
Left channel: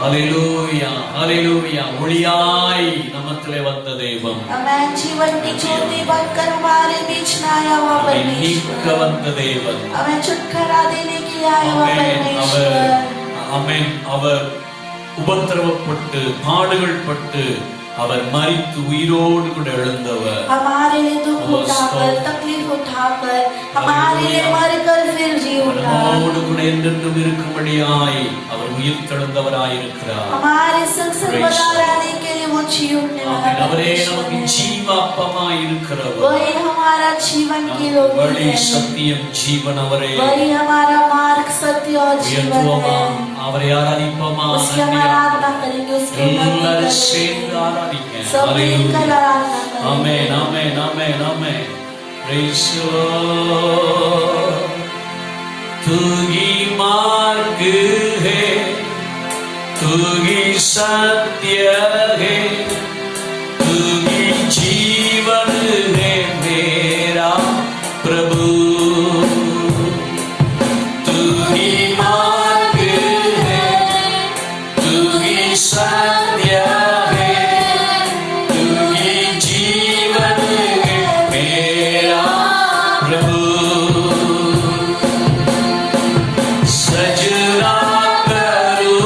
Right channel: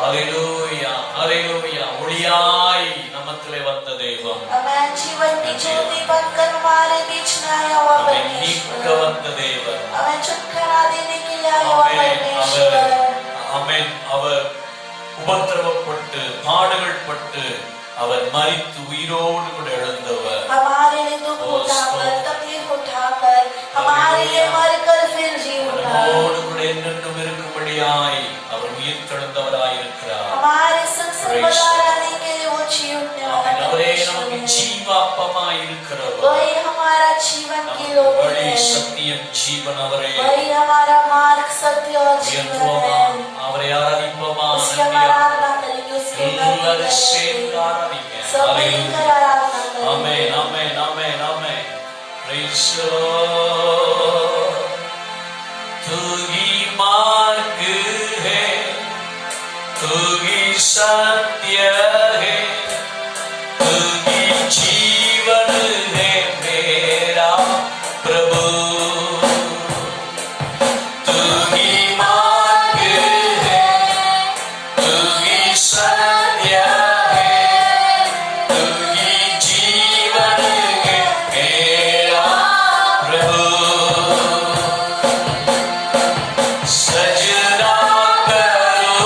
ஹalleluya ஹalleluya. ஒளியாய் நமத்திலே வந்த தெய்வம், आमेन। जीवन की ज्योति बनकर हमारे बीच में आया हुआ நீக்க परमेश्वर, வந்த தெய்வம். हमें छुटकारा देने के लिए आया हुआ ஆமென். परमेश्वर। ஆமென். அவர் உபத்திரவப்பட்டு பாடுகள் பட்டு அவர் மரித்து உயிரோடு கூட எழுந்தவர். हमारे लिए दुख उठाकर, तकलीफ उठाकर, हमारे लिए मरकर फिर जी उठा, நம்மோடு கூட என்றென்றும் இருக்கும்படியாய் அவர் உயிர் தெழுந்தவராய் இருக்கிறார். हमारे संग से बना रहने के लिए वो जी उठने वाला ஆமென். அவரே நமக்கு परमेश्वर है। ஜீவாப்பமாய் இருக்கிறவர். वही हमारा जीवन की நமக்கு लोग வழி है, சத்தியம் ஜீவன் அவரே. वही हमारा मार्ग सत्य और जीवन உயர்த்துவோமா, है। அவரை ஆராதிப்போமா. उसकी हम आराधना करेंगे, उसकी எல்லாரும் சேர்ந்து ஆராதிங்க. सब ஹalleluya. मिलकर आराधना करेंगे। ஆமென் ஆமென் ஆமென் ஆமென். Praise the Lord. तू ही मार्ग है, तू ही सत्य है, तू ही जीवन है मेरा प्रभु। तू ही मार्ग है, तू ही सत्य है, तू ही जीवन है मेरा प्रभु। सजना करो,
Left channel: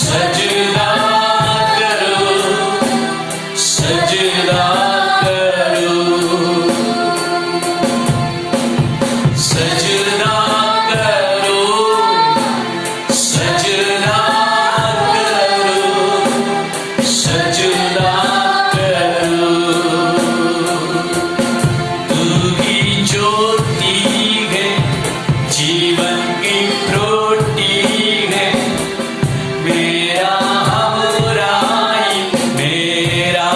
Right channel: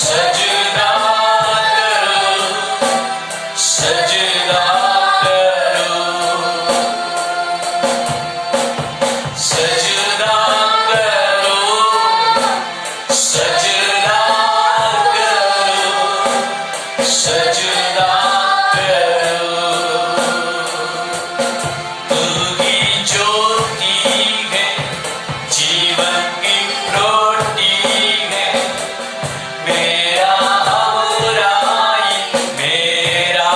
सजना करो, सजना करो, सजना करो, सजना करो, सजना करो। तू ही ज्योति है, जीवन की रोटी है, मेरा हमराई मेरा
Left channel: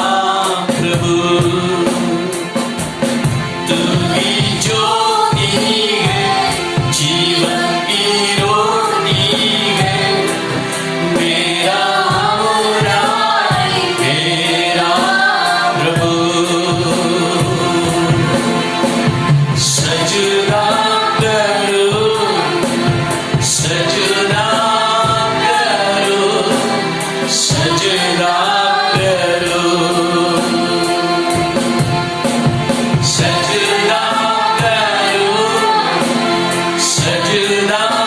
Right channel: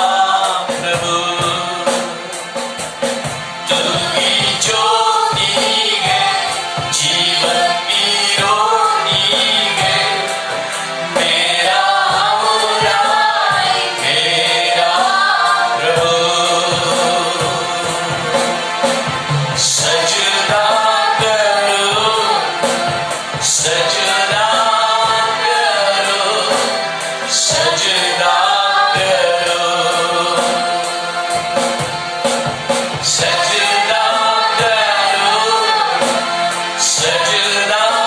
प्रभु। तू ही ज्योति है, जीवन की रोटी है, मेरा हमराई मेरा प्रभु। सजना करो, सजना करो, सजना करो, सजना करो, सजना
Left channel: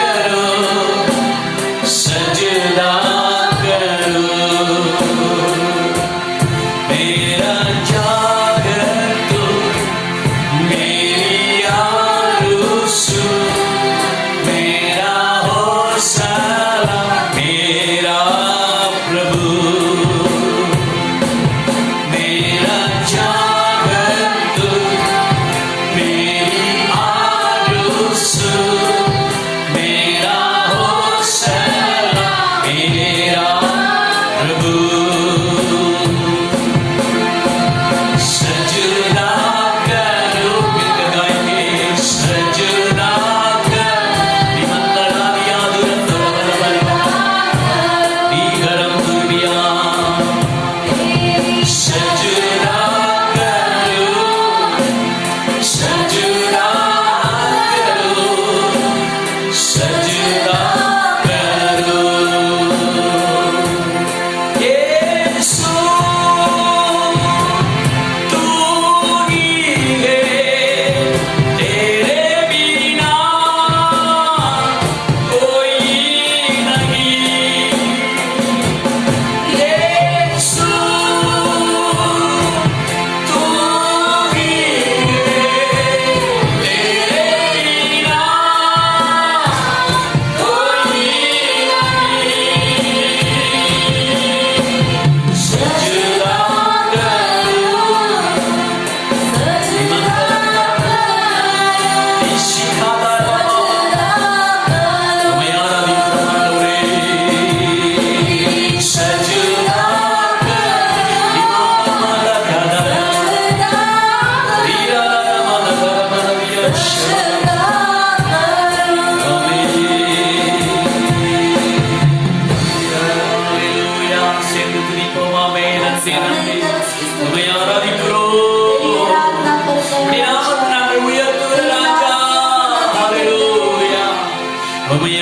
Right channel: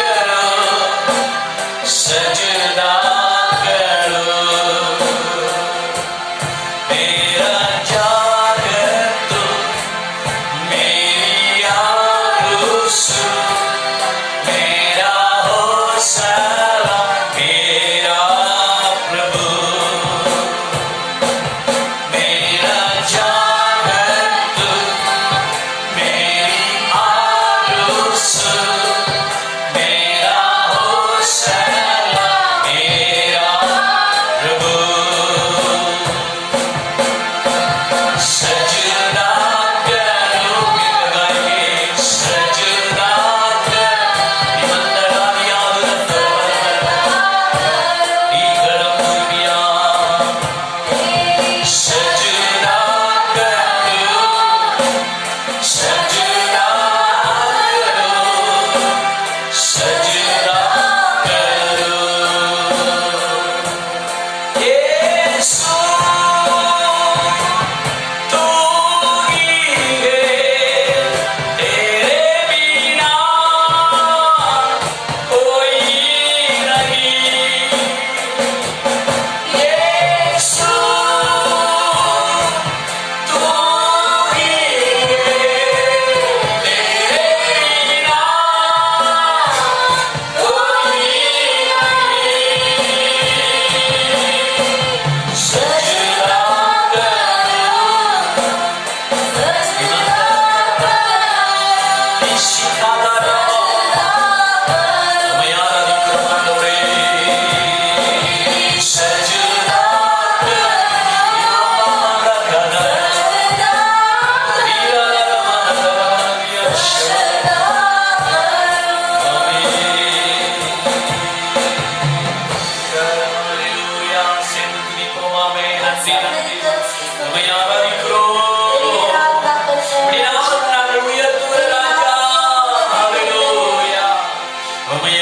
करो, सजना करो। मेरा जागर तो मेरी आरज़ू, मेरा हौसला मेरा प्रभु।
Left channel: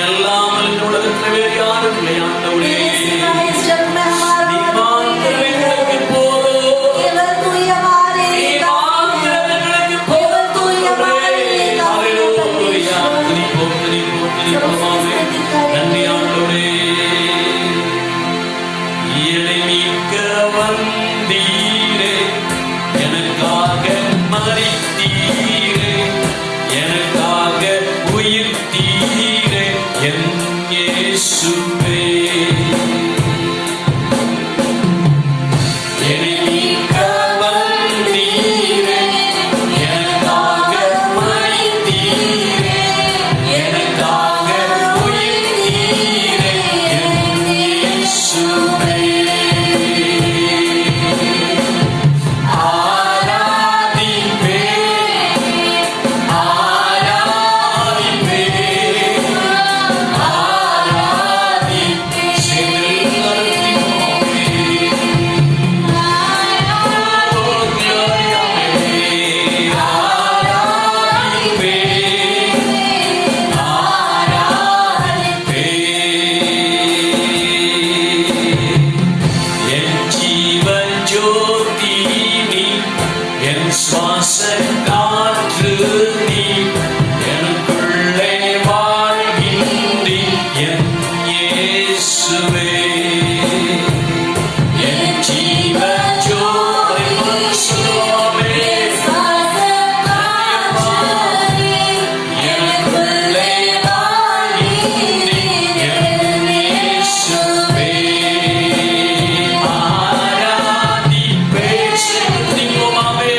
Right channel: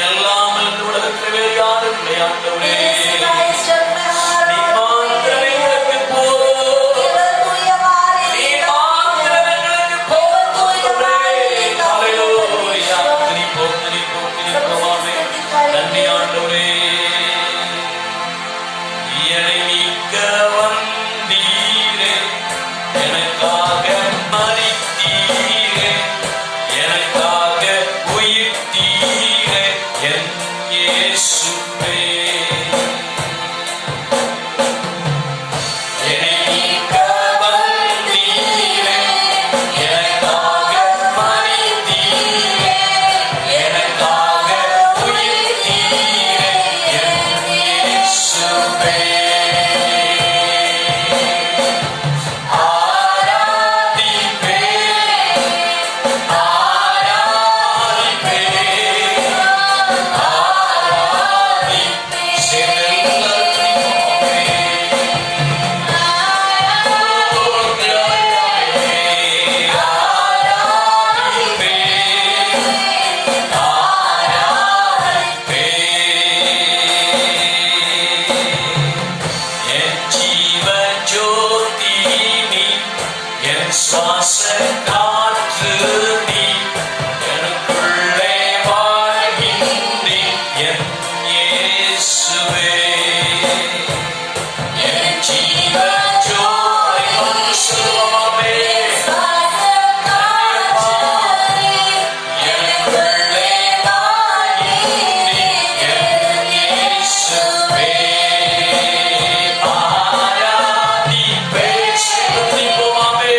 அல்லாமல் இந்த உலகத்தில் வேறு யாரும் இல்லை ஆண்டவரே. तेरे सिवा इस जग में हमारा நீ कोई மாத்திரம் नहीं है। எங்களுக்கு போதும். केवल तू ही हमारे நீ लिए काफी है। மாத்திரம் எங்களுக்கு केवल तू ही हमारे लिए काफी है ஹல்லேலூயா. परमेश्वर। துதிப்போம், துதிப்போம், துதிப்போம். நன்றி ஆண்டவரே. என்னை மீட்க வந்தீரே, எனக்காக மரித்தீரே, எனக்காக உயிர்த்தீரே, என் இயேசுவே. என்னை மீட்க வந்தீரே, எனக்காக மரித்தீரே, எனக்காக உயிர்த்தீரே, என் இயேசுவே. சுவாச காற்று நீ, எனக்குள்ளே வாழ்கின்றி என் இயேசுவே. என் ஜீவ ஜோதி சுவாமே, எனக்குள்ளே வாழ்கின்றி என் இயேசுவே. ஆராதிப்பேன் துதிப்போமாமே.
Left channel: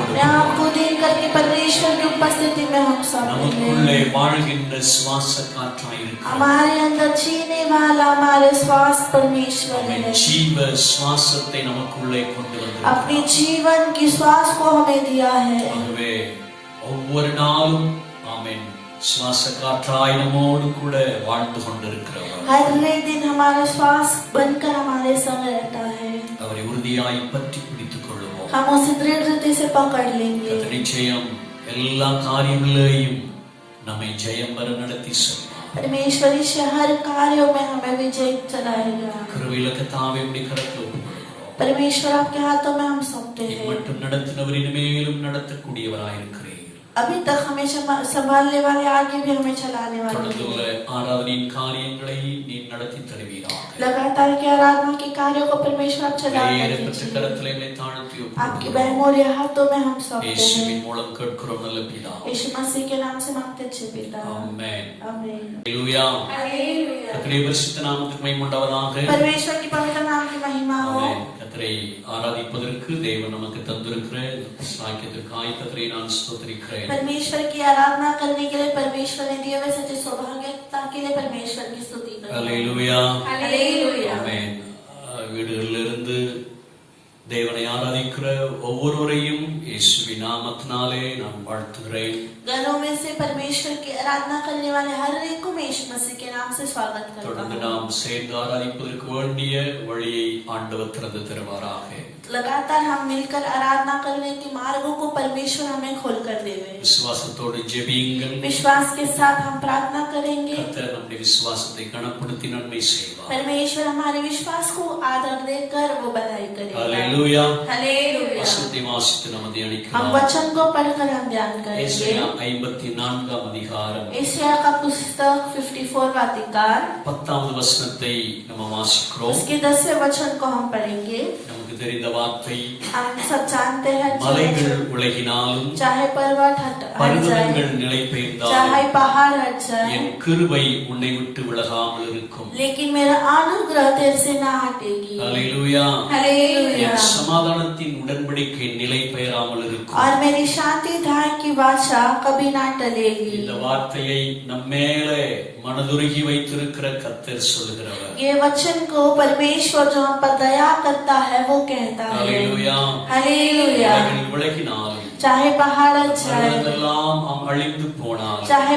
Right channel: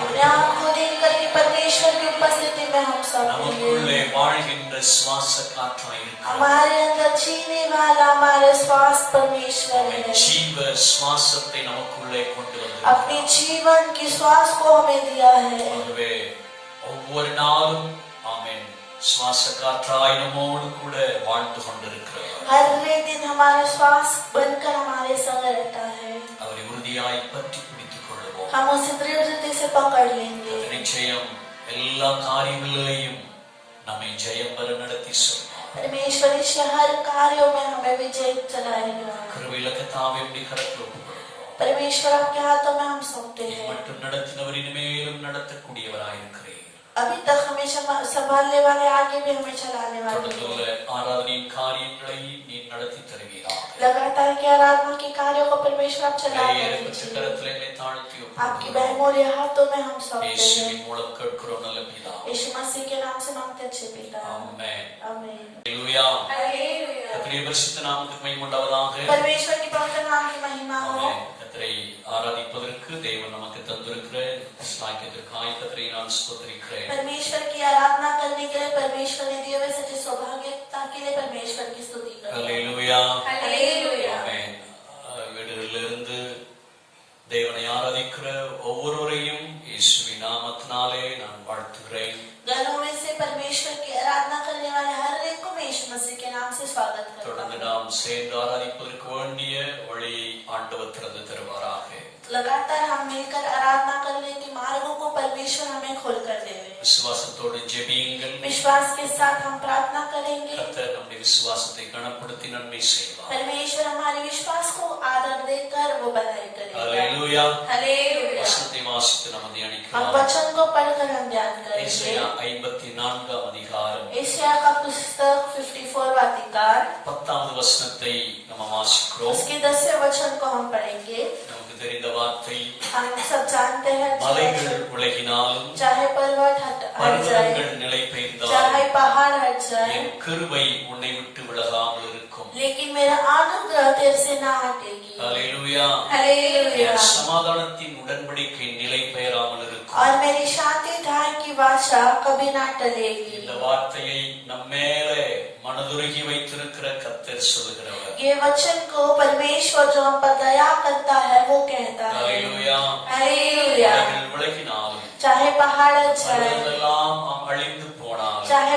अपने आप को देख करके परमेश्वर की उपस्थिति में हम सब நமக்குள்ளே வாழ்கின்ற சுவாச காற்றாய் இருக்கிறார். हमारे अंदर जीने वाला हमारे श्वास परमेश्वर है। ஜீவ சுவாசத்தை நமக்குள்ளே கொண்டு வந்தார். अपने जीवन की श्वास को हमें दिया है। ஆகவே ஒவ்வொரு நாளும் ஆமென் சுவாச காற்றாய் நம்மோடு கூட வாழ்ந்து கொண்டிருக்கிறவர். हर एक दिन हमारा श्वास बनकर हमारे संग रहता है। அவரை உறுதியாய் பற்றி பிடித்துக் கொள்ளுவோம். हम उसे दृढ़ता से पकड़ लेंगे। நிச்சயம் எல்லா காரியங்களையும் நம்மை ஜெயம் பெற நடத்தி செல்வார். परमेश्वर इस हर कार्यों में हमें विजय चलाएगा। கிருபையுள்ள கர்த்தாவே உம்முடைய கரத்தில் ஒப்புக்கொடுக்கிறோம். परमेश्वर आपके हाथों में हम सौंपते हैं। மட்டும் நடத்தினவர் இனிமேலும் நடத்தக்கூடியவராயிருக்கிறீர். अभी तक हमें संभालने वाले आगे भी हमें चलाने वाले தொடர்ந்துள்ள ஆராதனையின் காரியங்களை நீ நடத்தி தருவீராக. लगातार की आराधना के कार्यों को परमेश्वर आप चला கரத்தில் என்னை தாழ்த்தி आपकी बहुमूल्य हाथों में हम सौंपते हैं। இயேசுவின் மூலம் கேட்கிறோம் நல்ல பிதாவே. यीशु मसीह के नाम से मांगते अच्छे पिता ஆமென். आमीन। ஹல்லேலூயா. हालेलुया। கர்த்தருடைய பரிசுத்த நாமத்துக்கு மகிமை உண்டாவதாக. परमेश्वर की पवित्र नाम की महिमा हो। ஆமென். கர்த்தரை ஆராதிப்பதற்கு தேவன் நமக்கு தந்திருக்கிற ஸ்லாக்கியத்திற்காக கர்த்தரை நான் ஸ்தோத்திரிக்கிறேன். परमेश्वर की आराधना करने के लिए परमेश्वर ने दिए हुए सच्चे सौभाग्यता के लिए परमेश्वर की स्तुति करें। ஹல்லேலூயா. हालेलुया। ஆமென். வீடுகளிலிருந்து தேவனை ஆராதிக்கிற ஒவ்வொருவரையும் இயேசுவின் நாமத்தினாலே நான் வாழ்த்துகிறேன். घरों में से परमेश्वर की आराधना करने वाले हर एक को यीशु मसीह के नाम से स्वागत करता தொடர்ந்து हूं। நாம் சேர்ந்து ஆராதிப்பதற்கு வேண்டிய வழியை ஆண்டவர் திறந்து தருவாராக. लगातार हम मिलकर आराधना करने के मार्गों को परमेश्वर हमें खोल कर देवे। விசுவாசத்தோடு ஜெபியுங்கள். विश्वास के साथ हम प्रार्थना करेंगे। கர்த்தர் நம்முடைய விசுவாசத்தை கனப்படுத்தி நன்மை செய்வார். परमेश्वर हमारे विश्वास को आदर देकर वो बधाई करेगा। हालेलुया. हालेलुया। வசனத்தை வாசித்து நாம் हम தியானிக்கலாம். वचन को पढ़कर हम ध्यान करेंगे। ஏசாயா 54 அதிகாரம் एशिया का पुस्तक 54वां अधिकार 10வது வசனத்தை நாம் வாசிக்கிறோம். उसके 10वें वचन को हम पढ़ेंगे। நமக்கு தெரிந்த வார்த்தை, हम सब जानते हैं மலைகள் உலகினாலும் चाहे पर्वत हट பர்வதங்கள் जाए, நிலை பெய்ந்தாலும் चाहे पहाड़ हट जाए, என் கிருபை உன்னை விட்டு விலகாமல் இருக்கும். लेकिन मेरा अनुग्रह तेरे से ना हटेगी। ஹalleluya. हालेलुया। என் சமாதானத்தின் உடன்படிக்கை நிலை பெயராமல் இருக்கும். और मेरी शांति धाम की वाचा कभी ना टलेगी। இந்த வார்த்தையை நம்மேலே மனதுருகி வைத்திருக்கிற கர்த்தர் சொல்கிறவர். ये वचन को परमेश्वर जो हम पर दया करता है वो कहता है। ஹalleluya. हालेलुया। மலைகள் விலகினாலும் चाहे पहाड़ हट जाए, பர்வதமெல்லாம் அழிந்து போனாலும் चाहे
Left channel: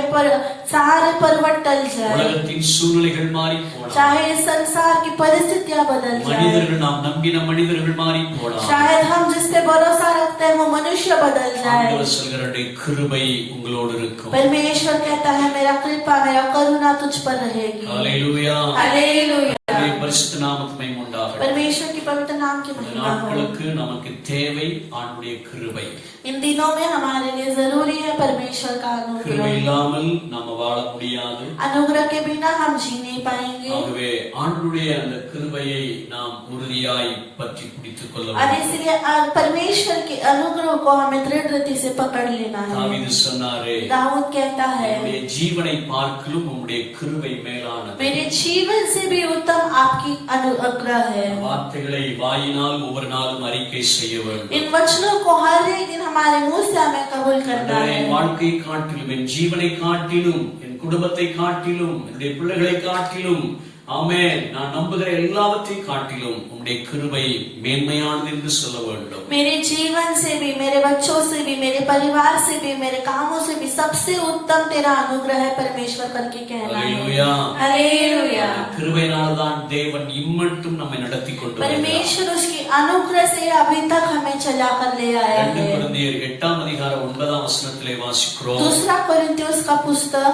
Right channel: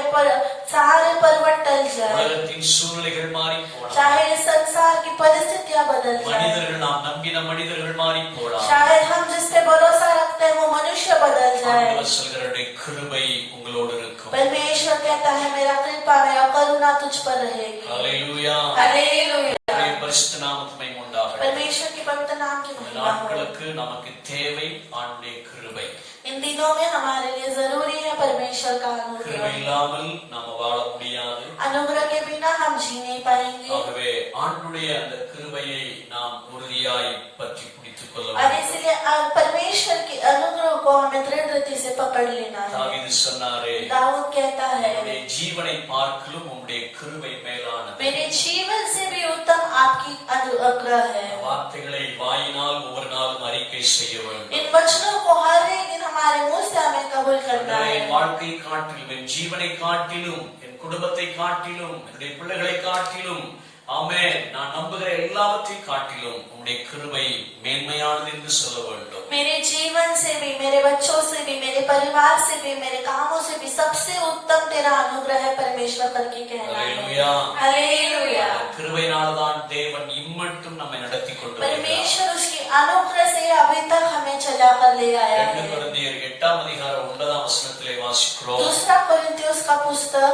सारे पर्वत टल जाए, உலகத்தின் சூழ்நிலைகள் மாறி போனாலும் चाहे इस संसार की परिस्थितियां बदल जाए, மனிதர்கள் நாம் நம்பின மனிதர்கள் மாறி போனாலும் शायद हम जिस पे भरोसा रखते हैं वो मनुष्य बदल जाए, ஆண்டவர் சொல்கிறவருடைய கிருபை உங்களோடு இருக்கும். परमेश्वर कहता है मेरा कृपा मेरा करुणा तुझ पर रहेगी। ஹalleluya. हालेलुया। கர்த்தருடைய பரிசுத்த நாமத்துக்கு மகிமை உண்டாகட்டும். परमेश्वर की पवित्र नाम की இந்த महिमा हो। நாட்களுக்கு நமக்கு தேவை ஆண்டுடைய கிருபை. इन दिनों में हमारे लिए जरूरी है परमेश्वर का கிருபை अनुग्रह। இல்லாமல் நாம வாழ முடியாது. अनुग्रह के बिना हम जी नहीं पाएंगे। ஆகவே ஆண்டுடைய அந்த கிருபையை நாம் உறுதியாய் பற்றி பிடித்துக் கொள்ள और வேண்டும். इसलिए परमेश्वर के अनुग्रह को हमें दृढ़ गति से पकड़ लेना है। தாவீது சொன்னாரே, दाऊद कहता है உம்முடைய ஜீவனை பார்க்கிலும் உம்முடைய கிருபை மேலானது. मेरे जीवन से भी उत्तम आपकी अनुग्रह है। வார்த்தைகளை வாயினால் ஒவ்வொரு நாளும் அறிக்கை செய்ய வேண்டும். इन वचनों को हर एक दिन हमारे मुंह से हमें कबूल करना है। என் வாழ்க்கையை காட்டிலும் என் ஜீவனை காட்டிலும் என் குடும்பத்தை காட்டிலும் என்னுடைய பிள்ளைகளை காட்டிலும் ஆமென் நான் நம்புகிற எல்லாவற்றையும் காட்டிலும் உம்முடைய கிருபை மேன்மையானது என்று சொல்ல வேண்டும். मेरे जीवन से भी मेरे बच्चों से भी मेरे परिवार से भी मेरे कामों से भी सबसे उत्तम तेरा अनुग्रह है परमेश्वर करके कहना है। हालेलुया. हालेलुया। கிருபையினால்தான் தேவன் இம்மட்டும் நம்மை நடத்தி கொண்டு வருகிறார். परमेश्वर उसकी अनुग्रह से अभी तक हमें चला कर ले आया 2 है। கொரிந்தியர் 8 அதிகாரம் 9 வசனத்திலே வாசிக்கிறோம். दूसरा कोरिन्थियोस का पुस्तक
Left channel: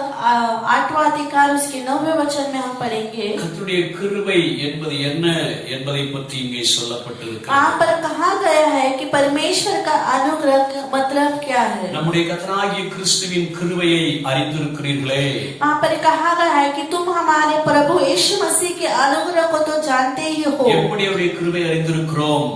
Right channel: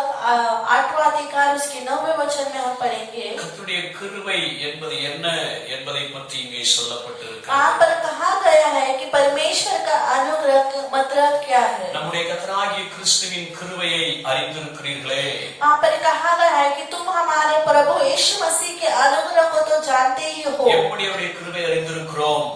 8वां अधिकार उसके 9वें वचन में हम पढ़ेंगे। கர்த்தருடைய கிருபை என்பது என்ன என்பதை பற்றி இங்கே சொல்லப்பட்டிருக்கிறது. वहाँ पर कहा गया है कि परमेश्वर का अनुग्रह का मतलब क्या है। நம்முடைய கர்த்தராகிய கிறிஸ்துவின் கிருபையை அறிந்திருக்கிறீர்களே. वहाँ पर कहा गया है कि तुम हमारे प्रभु यीशु मसीह के अनुग्रह को तो जानते ही हो। எப்படி அவருடைய கிருபை அறிந்திருக்கிறோம்?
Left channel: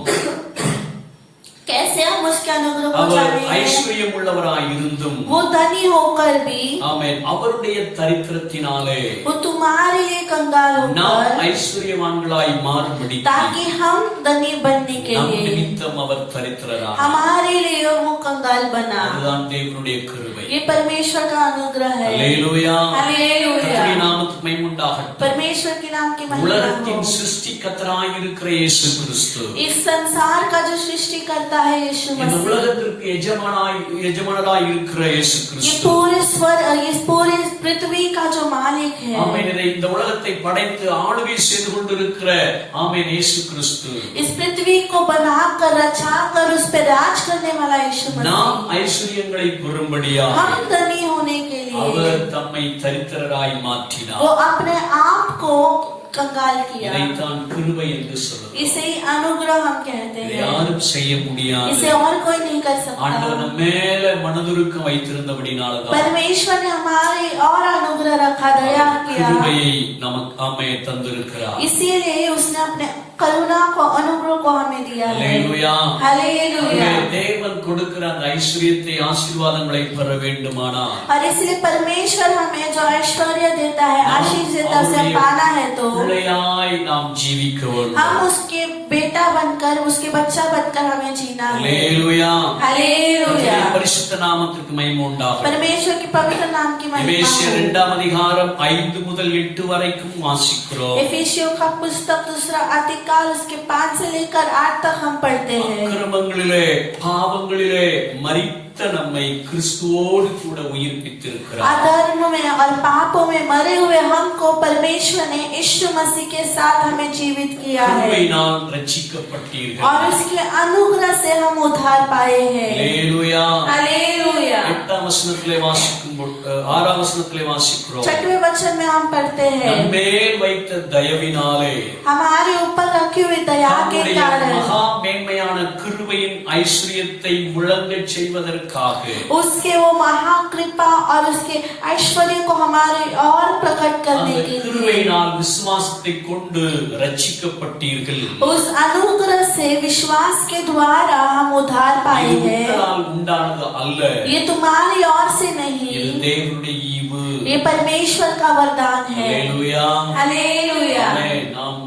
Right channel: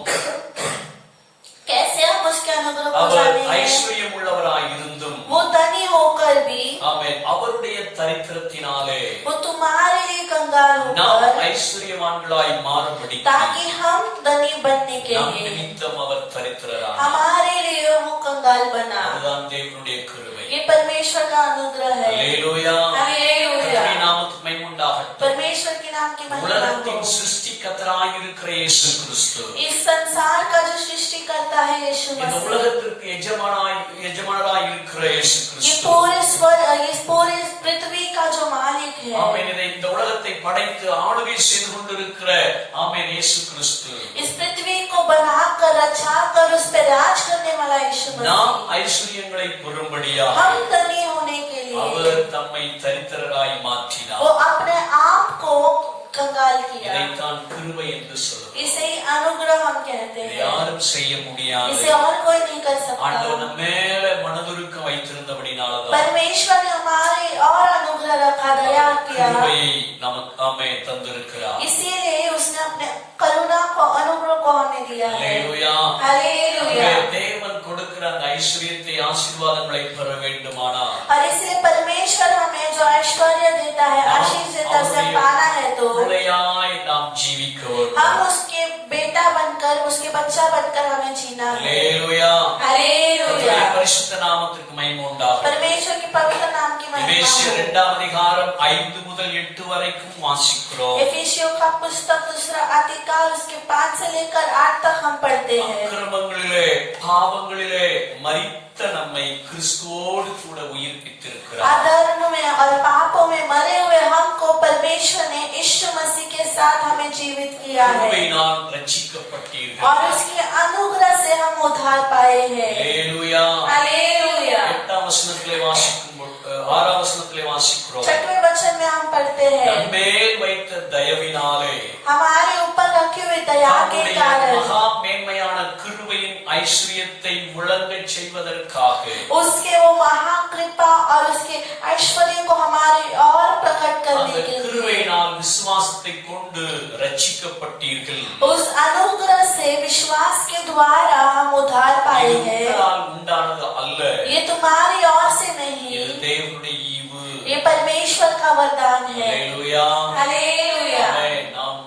कैसे हम उसके अनुग्रह को அவர் जाने हैं? ஐஸ்வர்யம் உள்ளவராய் இருந்தும் वो धनी होकर भी ஆமென் அவருடைய தரித்திரத்தினாலே वो तुम्हारे लिए कंगाल நாம் होकर ஐஸ்வர்யவான்களாய் மாறும்படி ताकि हम धनी बनने के நம் लिए நிமித்தம் அவர் தரித்திரரானார். हमारे लिए वो कंगाल बना। அதுதான் தேவனுடைய கிருபை. ये परमेश्वर का अनुग्रह है। அல்லேலூயா. हालेलुया। கர்த்தருடைய நாமத்துக்கு மகிமை உண்டாகட்டும். परमेश्वर के नाम की महिमा உலகத்தின் हो। சிருஷ்டிகர்த்தராய் இருக்கிற இயேசு கிறிஸ்து इस संसार का जो सृष्टि करता है यीशु இந்த मसीह, உலகத்திற்கு எஜமானராய் இருக்கிற இயேசு ये கிறிஸ்து पूरे स्वर इस पूरे पृथ्वी का जो मालिक है, ஆமென் இந்த உலகத்தை படைத்து ஆளுகை செய்து கொண்டிருக்கிற ஆமென் இயேசு கிறிஸ்து इस पृथ्वी को बनाकर रचा कर उस पर राज करने वाला यीशु நாம் मसीह, ஐஸ்வர்யங்களை பெறும்படியாக हम धनी होने के लिए அவர் தம்மை தரித்திரராய் மாற்றினார். वो अपने आप को कंगाल किया। இதைத்தான் கிருபை என்று சொல்லுவோம். इसे ही अनुग्रह हम कहते இதை हैं। யாரும் செய்ய முடியாது. इसे और कोई नहीं कर ஆண்டவர் सकता। நம்ம மேல மனதுருக்கம் வைத்திருந்தபடினால்தான் परमेश्वर ने हमारे और अनुग्रह रखा, दया किया, கிருபையை நமக்கு ஆமே தந்திருக்கிறார். इसीलिए उसने अपने करुणा को अनुग्रह को हमें दिया है। அல்லேலூயா. हालेलुया। தேவன் கொடுக்கிற அந்த ஐஸ்வர்யத்தை ஆசீர்வாதங்களை பெற வேண்டுமானால் और इसलिए परमेश्वर हमें जो ऐश्वर्य देता है, आशीष देता है, उसे पाना है तो பிள்ளையாய் நாம் ஜீவிக்க வேண்டும். हम उसके बेटा बनकर उसके बच्चा बनकर हमें जीना है। அல்லேலூயா. हालेलुया। கர்த்தருடைய பரிசுத்த நாமத்துக்கு மகிமை உண்டாகட்டும். परमेश्वर के पवित्र नाम की महिमा எபேசியர் हो। 2 அதிகாரம் 5 முதல் 8 வரைக்கும் வாசிக்கிறோம். एफिसियों का पुस्तक दूसरा अधिकार उसके 5 से लेकर 8 तक हम पढ़ते हैं। அக்கிரமங்களிலே பாவங்களிலே மரித்த நம்மை கிறிஸ்துவோடு கூட உயிர்ப்பித்திருக்கிறார். अधर्म में और पापों में मरे हुए हमको परमेश्वर ने यीशु मसीह के साथ हमें जीवित किया है கிருபையினால் ரட்சிக்கப்பட்டீர்கள். और उसके अनुग्रह से हम उद्धार पाए हैं. அல்லேலூயா. हालेलुया. 8ஆம் வசனத்திலே வாசிக்கும் 6ஆம் வசனத்திலே வாசிக்கிறோம். 6वें वचन में हम पढ़ते हैं நம்மேல் வைத்த தயவினாலே हमारे ऊपर रखी हुई दया के தம்முடைய कारण மகா மேன்மையான கிருபையின் ஐஸ்வரியத்தை விளங்கச் செய்வதற்காக उसके वो महान कृपा और उसके ऐश्वर्य को हमारे और प्रकट करने அந்த के लिए கிருபையினால் விசுவாசத்தை கொண்டு ரட்சிக்கப்பட்டீர்கள். उस अनुग्रह से विश्वास के द्वारा हम उद्धार पाए இது हैं. உங்களால் உண்டானது அல்ல, ये तुम्हारी ओर से இது नहीं, தேவனுடைய ஈவு. ये परमेश्वर का वरदान है. அல்லேலூயா. हालेलुया. ஆமென். நாம்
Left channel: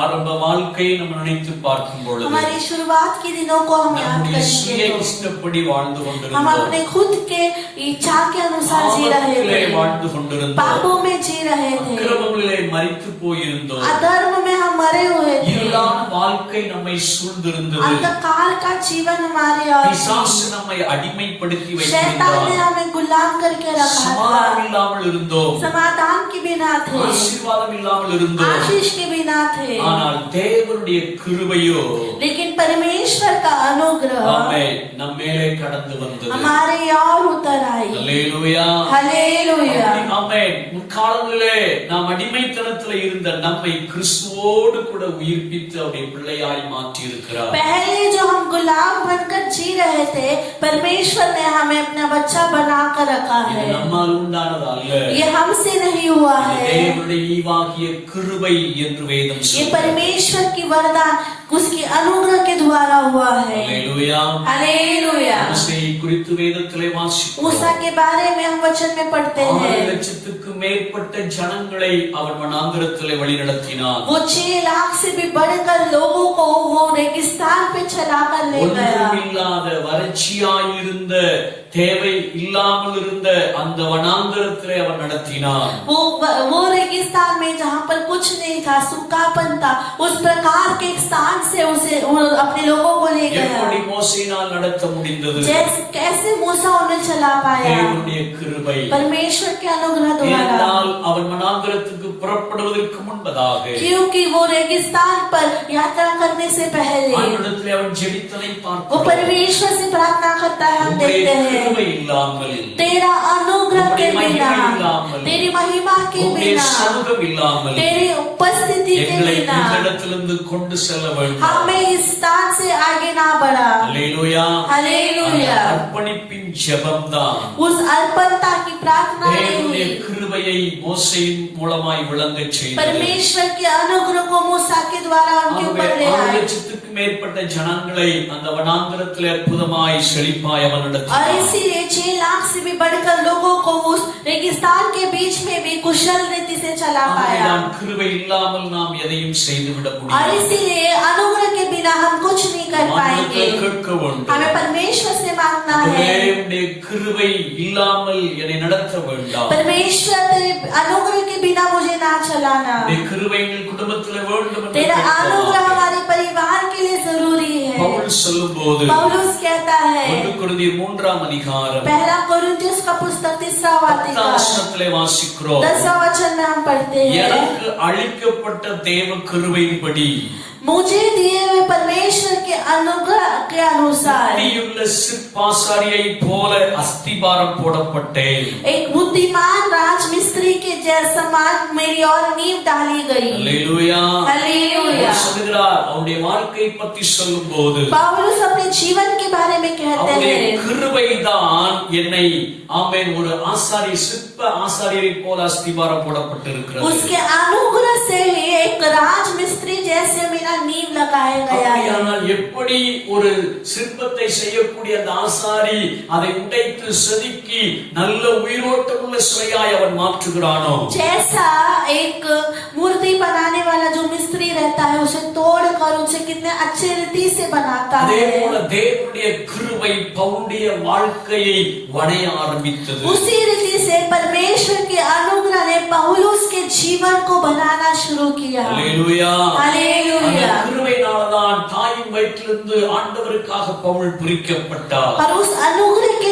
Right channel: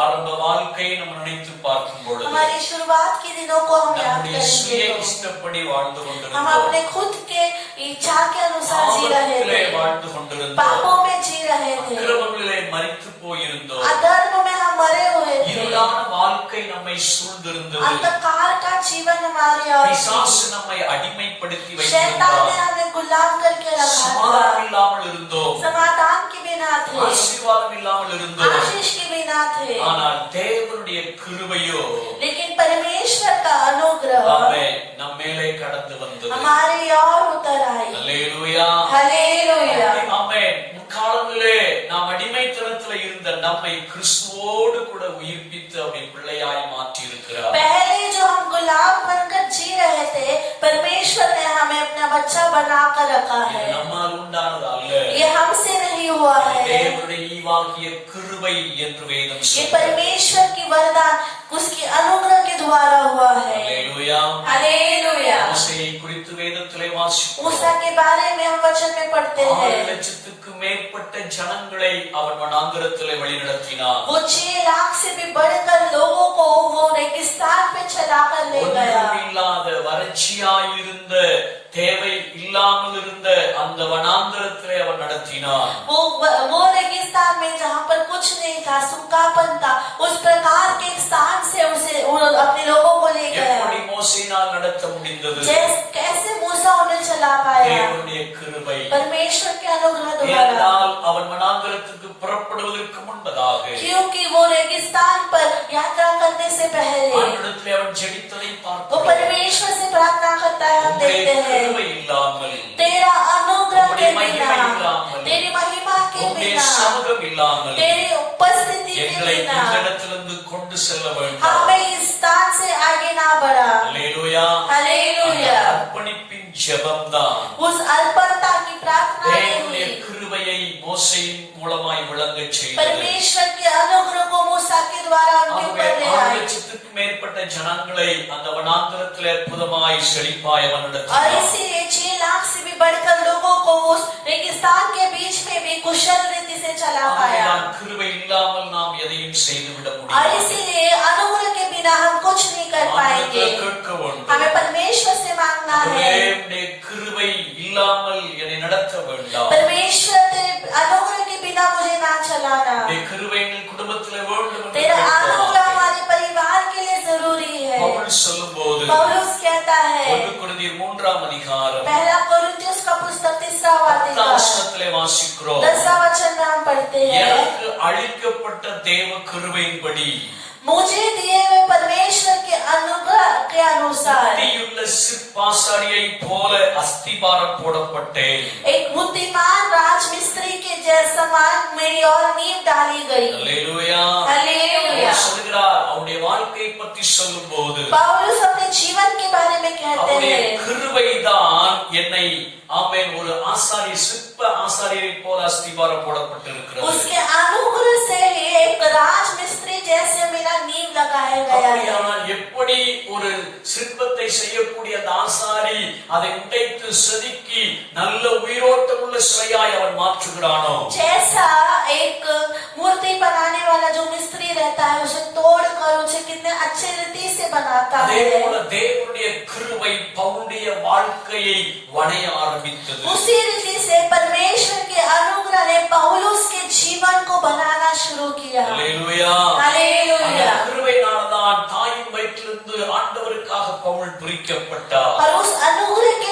ஆரம்ப வாழ்க்கையை நம்ம நினைத்து பார்க்கும் பொழுது हमारी शुरुआत के दिनों को हम याद நம்முடைய சுய करेंगे. இஷ்டப்படி வாழ்ந்து हम கொண்டிருந்தோம், अपने खुद के इच्छा के अनुसार जी रहे பாவத்திலே थे, வாழ்ந்து கொண்டிருந்தோம், पापों में जी रहे थे, அக்கிரமங்களிலே மரித்து போயிருந்தோம். अधर्म में हम मरे हुए थे. இருளான வாழ்க்கை நம்மை சூழ்ந்திருந்தது. अंधकार का जीवन हमारे और பிசாசு நம்மை அடிமைப்படுத்தி शैतान ने வைத்திருந்தார். हमें गुलाम करके रखा சமாதானம் था. இல்லாமல் இருந்தோம், समाधान के बिना थे, ஆசீர்வாதம் இல்லாமல் இருந்தோம். आशीष के बिना थे. ஆனால் தேவனுடைய கிருபையோ लेकिन परमेश्वर का अनुग्रह ஆமென் நம் மேலே கடந்து வந்தது. हमारे और उतर आई. அல்லேலூயா. हालेलुया. ஆமென். முற்காலங்களிலே நாம் அடிமைத்தனத்திலே இருந்த நம்மை கிறிஸ்துவோடு கூட உயிர்ப்பித்து அவருடைய பிள்ளையாய் மாற்றி இருக்கிறார். पहले जो हम गुलाम बनकर जी रहे थे, परमेश्वर ने हमें अपना बच्चा बनाकर रखा இது है. நம்மால் உண்டானது அல்ல, ये हमसे नहीं हुआ இது है, தேவனுடைய ஈவாகிய கிருபை என்று வேதம் ये சொல்கிறது. परमेश्वर की वरदान उसकी अनुग्रह के द्वारा हुआ है. அல்லேலூயா. हालेलुया. மோசேயை குறித்து வேதத்திலே வாசிக்கிறோம். मूसा के बारे में हम वचन में पढ़ते 6 हैं, லட்சத்துக்கு மேற்பட்ட ஜனங்களை அவன் வனாந்திரத்திலே வழிநடத்தினான். वो 6 लाख से भी बढ़कर लोगों को वो रेगिस्तान पे चलाकर ले गया. ஒன்றுமில்லாத வறட்சியாயிருந்த தேவை இல்லாமல் இருந்த அந்த வனாந்திரத்திலே அவன் நடத்தினான். वो रेगिस्तान में जहाँ पर कुछ नहीं था, सूखापन था, उस प्रकार के एक स्थान से उसे अपने लोगों को ले எப்படி गया. மோசேயினால் நடத்த முடிந்தது? कैसे मूसा उन्हें चला पाया? தேவனுடைய கிருபை. परमेश्वर के अनुग्रह द्वारा. ஏனென்றால் அவன் வனாந்திரத்துக்கு புறப்படுவதற்கு முன்பதாக क्योंकि वो रेगिस्तान पर यात्रा करने से पहले ஆண்டவரிடத்திலே அவன் ஜெபித்ததை वो பார்க்கிறோம். परमेश्वर से प्रार्थना करता है, हम உம்முடைய देखते हैं, கிருபை இல்லாமல், तेरा अनुग्रह के உம்முடைய बिना, மகிமை இல்லாமல், तेरी महिमा के உம்முடைய बिना, சமூகம் இல்லாமல் तेरी उपस्थिति के எங்களை बिना இந்த இடத்திலிருந்து கொண்டு செல்ல வேண்டும். हमें इस स्थान से आगे ना बढ़ा. அல்லேலூயா. हालेलुया. அந்த அர்ப்பணிப்பின் ஜெபம்தான் उस अर्पणता की प्रार्थना ने தேவனுடைய ही கிருபையை மோசேயின் மூலமாய் விளங்கச் செய்தது. परमेश्वर के अनुग्रह को मूसा के द्वारा उनके ஆகவே ऊपर ले 6 आए. லட்சத்துக்கும் மேற்பட்ட ஜனங்களை அந்த வனாந்திரத்திலே அற்புதமாய் செழிப்பாய் அவன் और நடத்தினான். इसीलिए 6 लाख से भी बढ़कर लोगों को उस रेगिस्तान के बीच में भी कुशल रीति से चला पाया. ஆகையால் கிருபை இல்லாமல் நாம் எதையும் செய்துவிட और முடியாது. इसीलिए अनुग्रह के बिना हम कुछ नहीं कर पाएंगे. ஆண்டவரிடத்தில் கேட்க வேண்டும். हमें परमेश्वर से मांगना ஆண்டவரே, है, உம்முடைய கிருபை இல்லாமல் என்னை நடத்த வேண்டாம். परमेश्वर तेरे अनुग्रह के बिना मुझे ना चलाना. உம்முடைய கிருபை எங்கள் குடும்பத்திலே வேண்டும் என்று तेरा अनुग्रह கேட்கிறோம். हमारे परिवार के लिए जरूरी है. பவுல் சொல்லும்போது पौलुस कहता है, 1 கொரிந்தியர் 3ஆம் அதிகாரம் पहला कोरिन्थियों का पुस्तक 3वां 10ஆம் अध्याय வசனத்திலே வாசிக்கிறோம். 10वां वचन में हम पढ़ते हैं, எனக்கு அளிக்கப்பட்ட தேவ கிருபையின்படி मुझे दिए हुए परमेश्वर के अनुग्रह के अनुसार புத்தியுள்ள சிற்பாசாரியை போல அஸ்திபாரம் போடப்பட்டேன். एक बुद्धिमान राजमिस्त्री के जैसा मेरी और नींव डाली गई. அல்லேலூயா. हालेलुया. அவர் சொல்கிறார், அவருடைய வாழ்க்கை பற்றி சொல்லும்போது पौलुस अपने जीवन के बारे में कहते அவருடைய हैं, கிருபைதான் என்னை ஆமென் ஒரு ஆசாரி சிற்ப ஆசாரியரை போல அஸ்திபாரம் போடப்பட்டிருக்கிறது. उसके अनुग्रह से ही एक राजमिस्त्री जैसे मेरा नींव लगाया गया है. அப்படியானால் எப்படி ஒரு சிற்பத்தை செய்யக்கூடிய அந்த ஆசாரி அதை உடைத்து செதுக்கி நல்ல உயிரோட்டம் உள்ள சிலையாய் அவன் மாற்றுகிறானோ, जैसा एक मूर्ति बनाने वाला जो मिस्त्री रहता है, उसे तोड़कर उसे कितने अच्छे रीति से बनाता அதே है, போல தேவனுடைய கிருபை பவுலுடைய வாழ்க்கையை வணைய ஆரம்பித்தது. उसी रीति से परमेश्वर के अनुग्रह ने पौलुस के जीवन को बनाना शुरू किया. அல்லேலூயா. அந்த हालेलुया. கிருபையினால்தான் தாயின் வயிற்றிலிருந்து ஆண்டவருக்காக பவுல் பிரிக்கப்பட்டார். और उस अनुग्रह के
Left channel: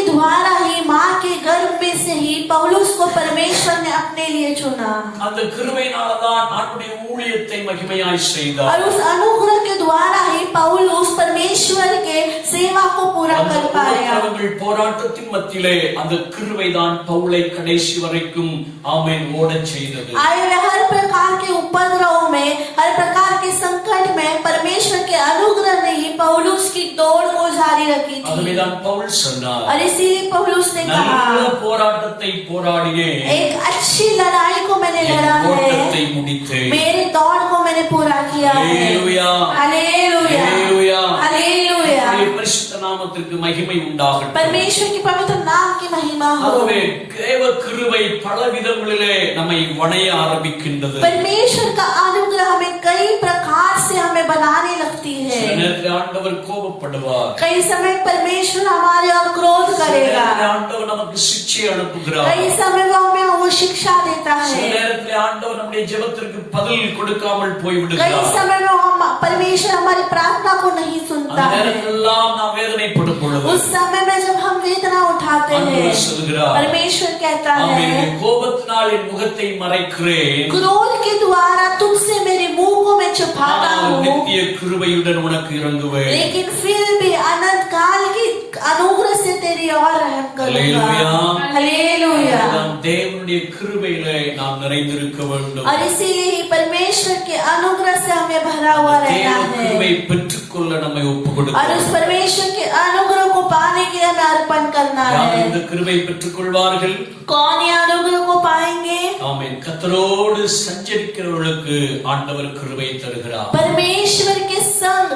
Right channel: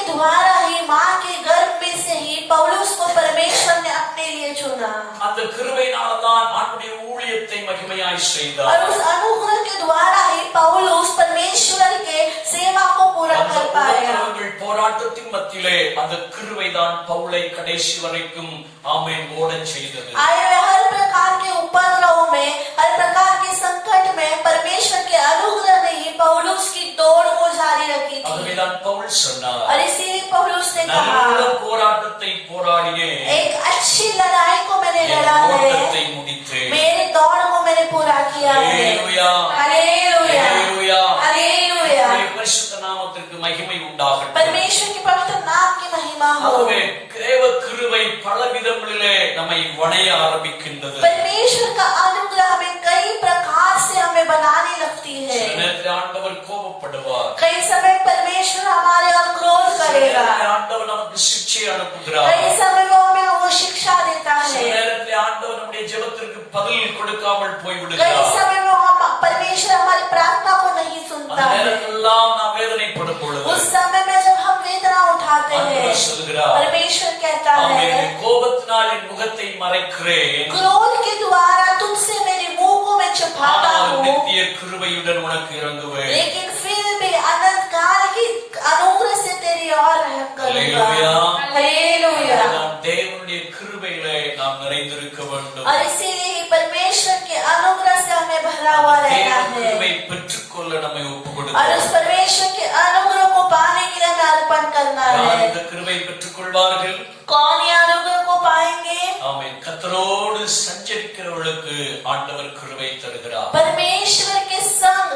से ही पौलुस को परमेश्वर ने अपने लिए चुना அந்த கிருபையினால்தான் ஆண்டுடைய ஊழியத்தை மகிமையாய் செய்தார். और उस अनुग्रह के द्वारा ही पौलुस परमेश्वर के सेवा को पूरा कर पाया. போராட்டத்தின் மத்தியிலே அந்த கிருபைதான் பவுலை கடைசி வரைக்கும் ஆமென் ஓடச் செய்தது. आए हर प्रकार के उपद्रव में, हर प्रकार के संकट में परमेश्वर के अनुग्रह ने ही पौलुस की दौड़ को जारी रखी थी. அதுதான் பவுல் சொன்னார். और इसीलिए पौलुस ने कहा, நல்ல போராட்டத்தை போராடினேன், एक अच्छी लड़ाई को मैंने लड़ा ஓட்டத்தை है, முடித்தேன். मेरे दौड़ को मैंने पूरा किया है. ஹalleluya, हालेलुया, ஹalleluya, हालेलुया. பரிசுத்த நாமத்திற்கு மகிமை உண்டாகட்டும். परमेश्वर के पवित्र नाम की महिमा हो. ஆகவே தேவ கிருபை பல விதங்களிலே நம்மை வணைய ஆரம்பிக்கின்றது. परमेश्वर का अनुग्रह हमें कई प्रकार से हमें बनाने लगती है. சில நேரத்தில் ஆண்டவர் கோபப்படுவார், कई समय परमेश्वर हमारे और क्रोध சில करेगा. நேரத்தில் ஆண்டவர் நமக்கு சிட்சை அனுப்புகிறார், कई समय वो हमें वो शिक्षा देता சில है. நேரத்தில் ஆண்டவர் நம்முடைய ஜெபத்திற்கு பதில் கொடுக்காமல் कई போய்விடுகிறார். समय में हम परमेश्वर हमारी प्रार्थना को नहीं அந்த सुनता है. நேரத்திலெல்லாம் நாம் வேதனைப்படும் பொழுது उस समय में जब हम वेदना उठाते हैं, ஆண்டவர் சொல்கிறார், परमेश्वर कहता ஆமென், है, கோபத்தினால் என் முகத்தை மறைக்கிறேன், क्रोध के द्वारा तुमसे मेरे मुंह को मैं छुपाता ஆனால் हूँ, நித்திய கிருபையுடன் உனக்கு இறங்குவேன். लेकिन फिर भी अनंत काल की अनुग्रह से तेरी और रहम करूंगा. हालेलुया. हालेलुया. நாம் தேவனுடைய கிருபையிலே நாம் நிறைந்திருக்க வேண்டும். और इसीलिए परमेश्वर के अनुग्रह से हमें भरा हुआ தேவ रहना है. கிருபை பெற்றுக்கொள்ள நம்மை और ஒப்புக்கொடுக்கிறோம். उस परमेश्वर के अनुग्रह को पाने के लिए हमें अर्पण करना யார் है. இந்த கிருபை பெற்றுக்கொள்வார்கள்? कौन ये अनुग्रह को पाएंगे? ஆமென். கர்த்தரோடு சஞ்சரிக்கிறவர்களுக்கு ஆண்டவர் கிருபை தருகிறார். परमेश्वर के संग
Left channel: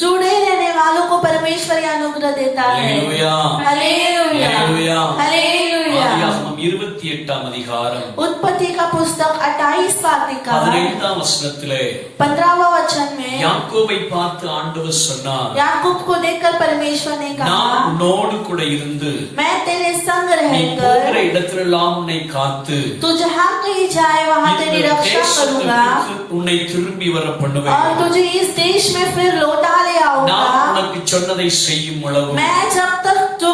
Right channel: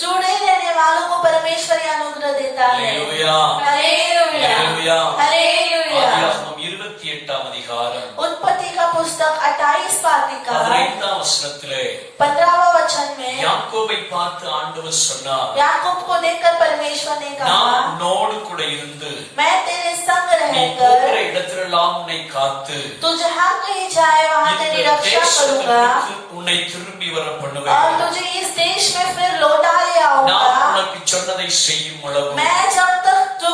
जुड़े रहने वालों को परमेश्वर ये अनुग्रह देता है. हालेलुया. हालेलुया. हालेलुया. हालेलुया. ஆதியாகமம் 28ஆம் அதிகாரம் उत्पत्ति का पुस्तक 28वां अधिकार 15ஆம் வசனத்திலே 15वां वचन में யாக்கோபை பார்த்து ஆண்டவர் சொன்னார், याकूब को देखकर परमेश्वर ने நான் कहा, உன்னோடு கூட இருந்து मैं तेरे संग நீ போகிற रहकर இடத்திலெல்லாம் உன்னை காத்து तू जहाँ कहीं जाए वहाँ இந்த तेरी रक्षा करूंगा தேசத்திற்கு உன்னை திரும்பி வர और பண்ணுவேன். तुझे इस देश में फिर लौटा ले நான் आऊंगा. உனக்கு சொன்னதை செய்யும் அளவு मैं जब तक जो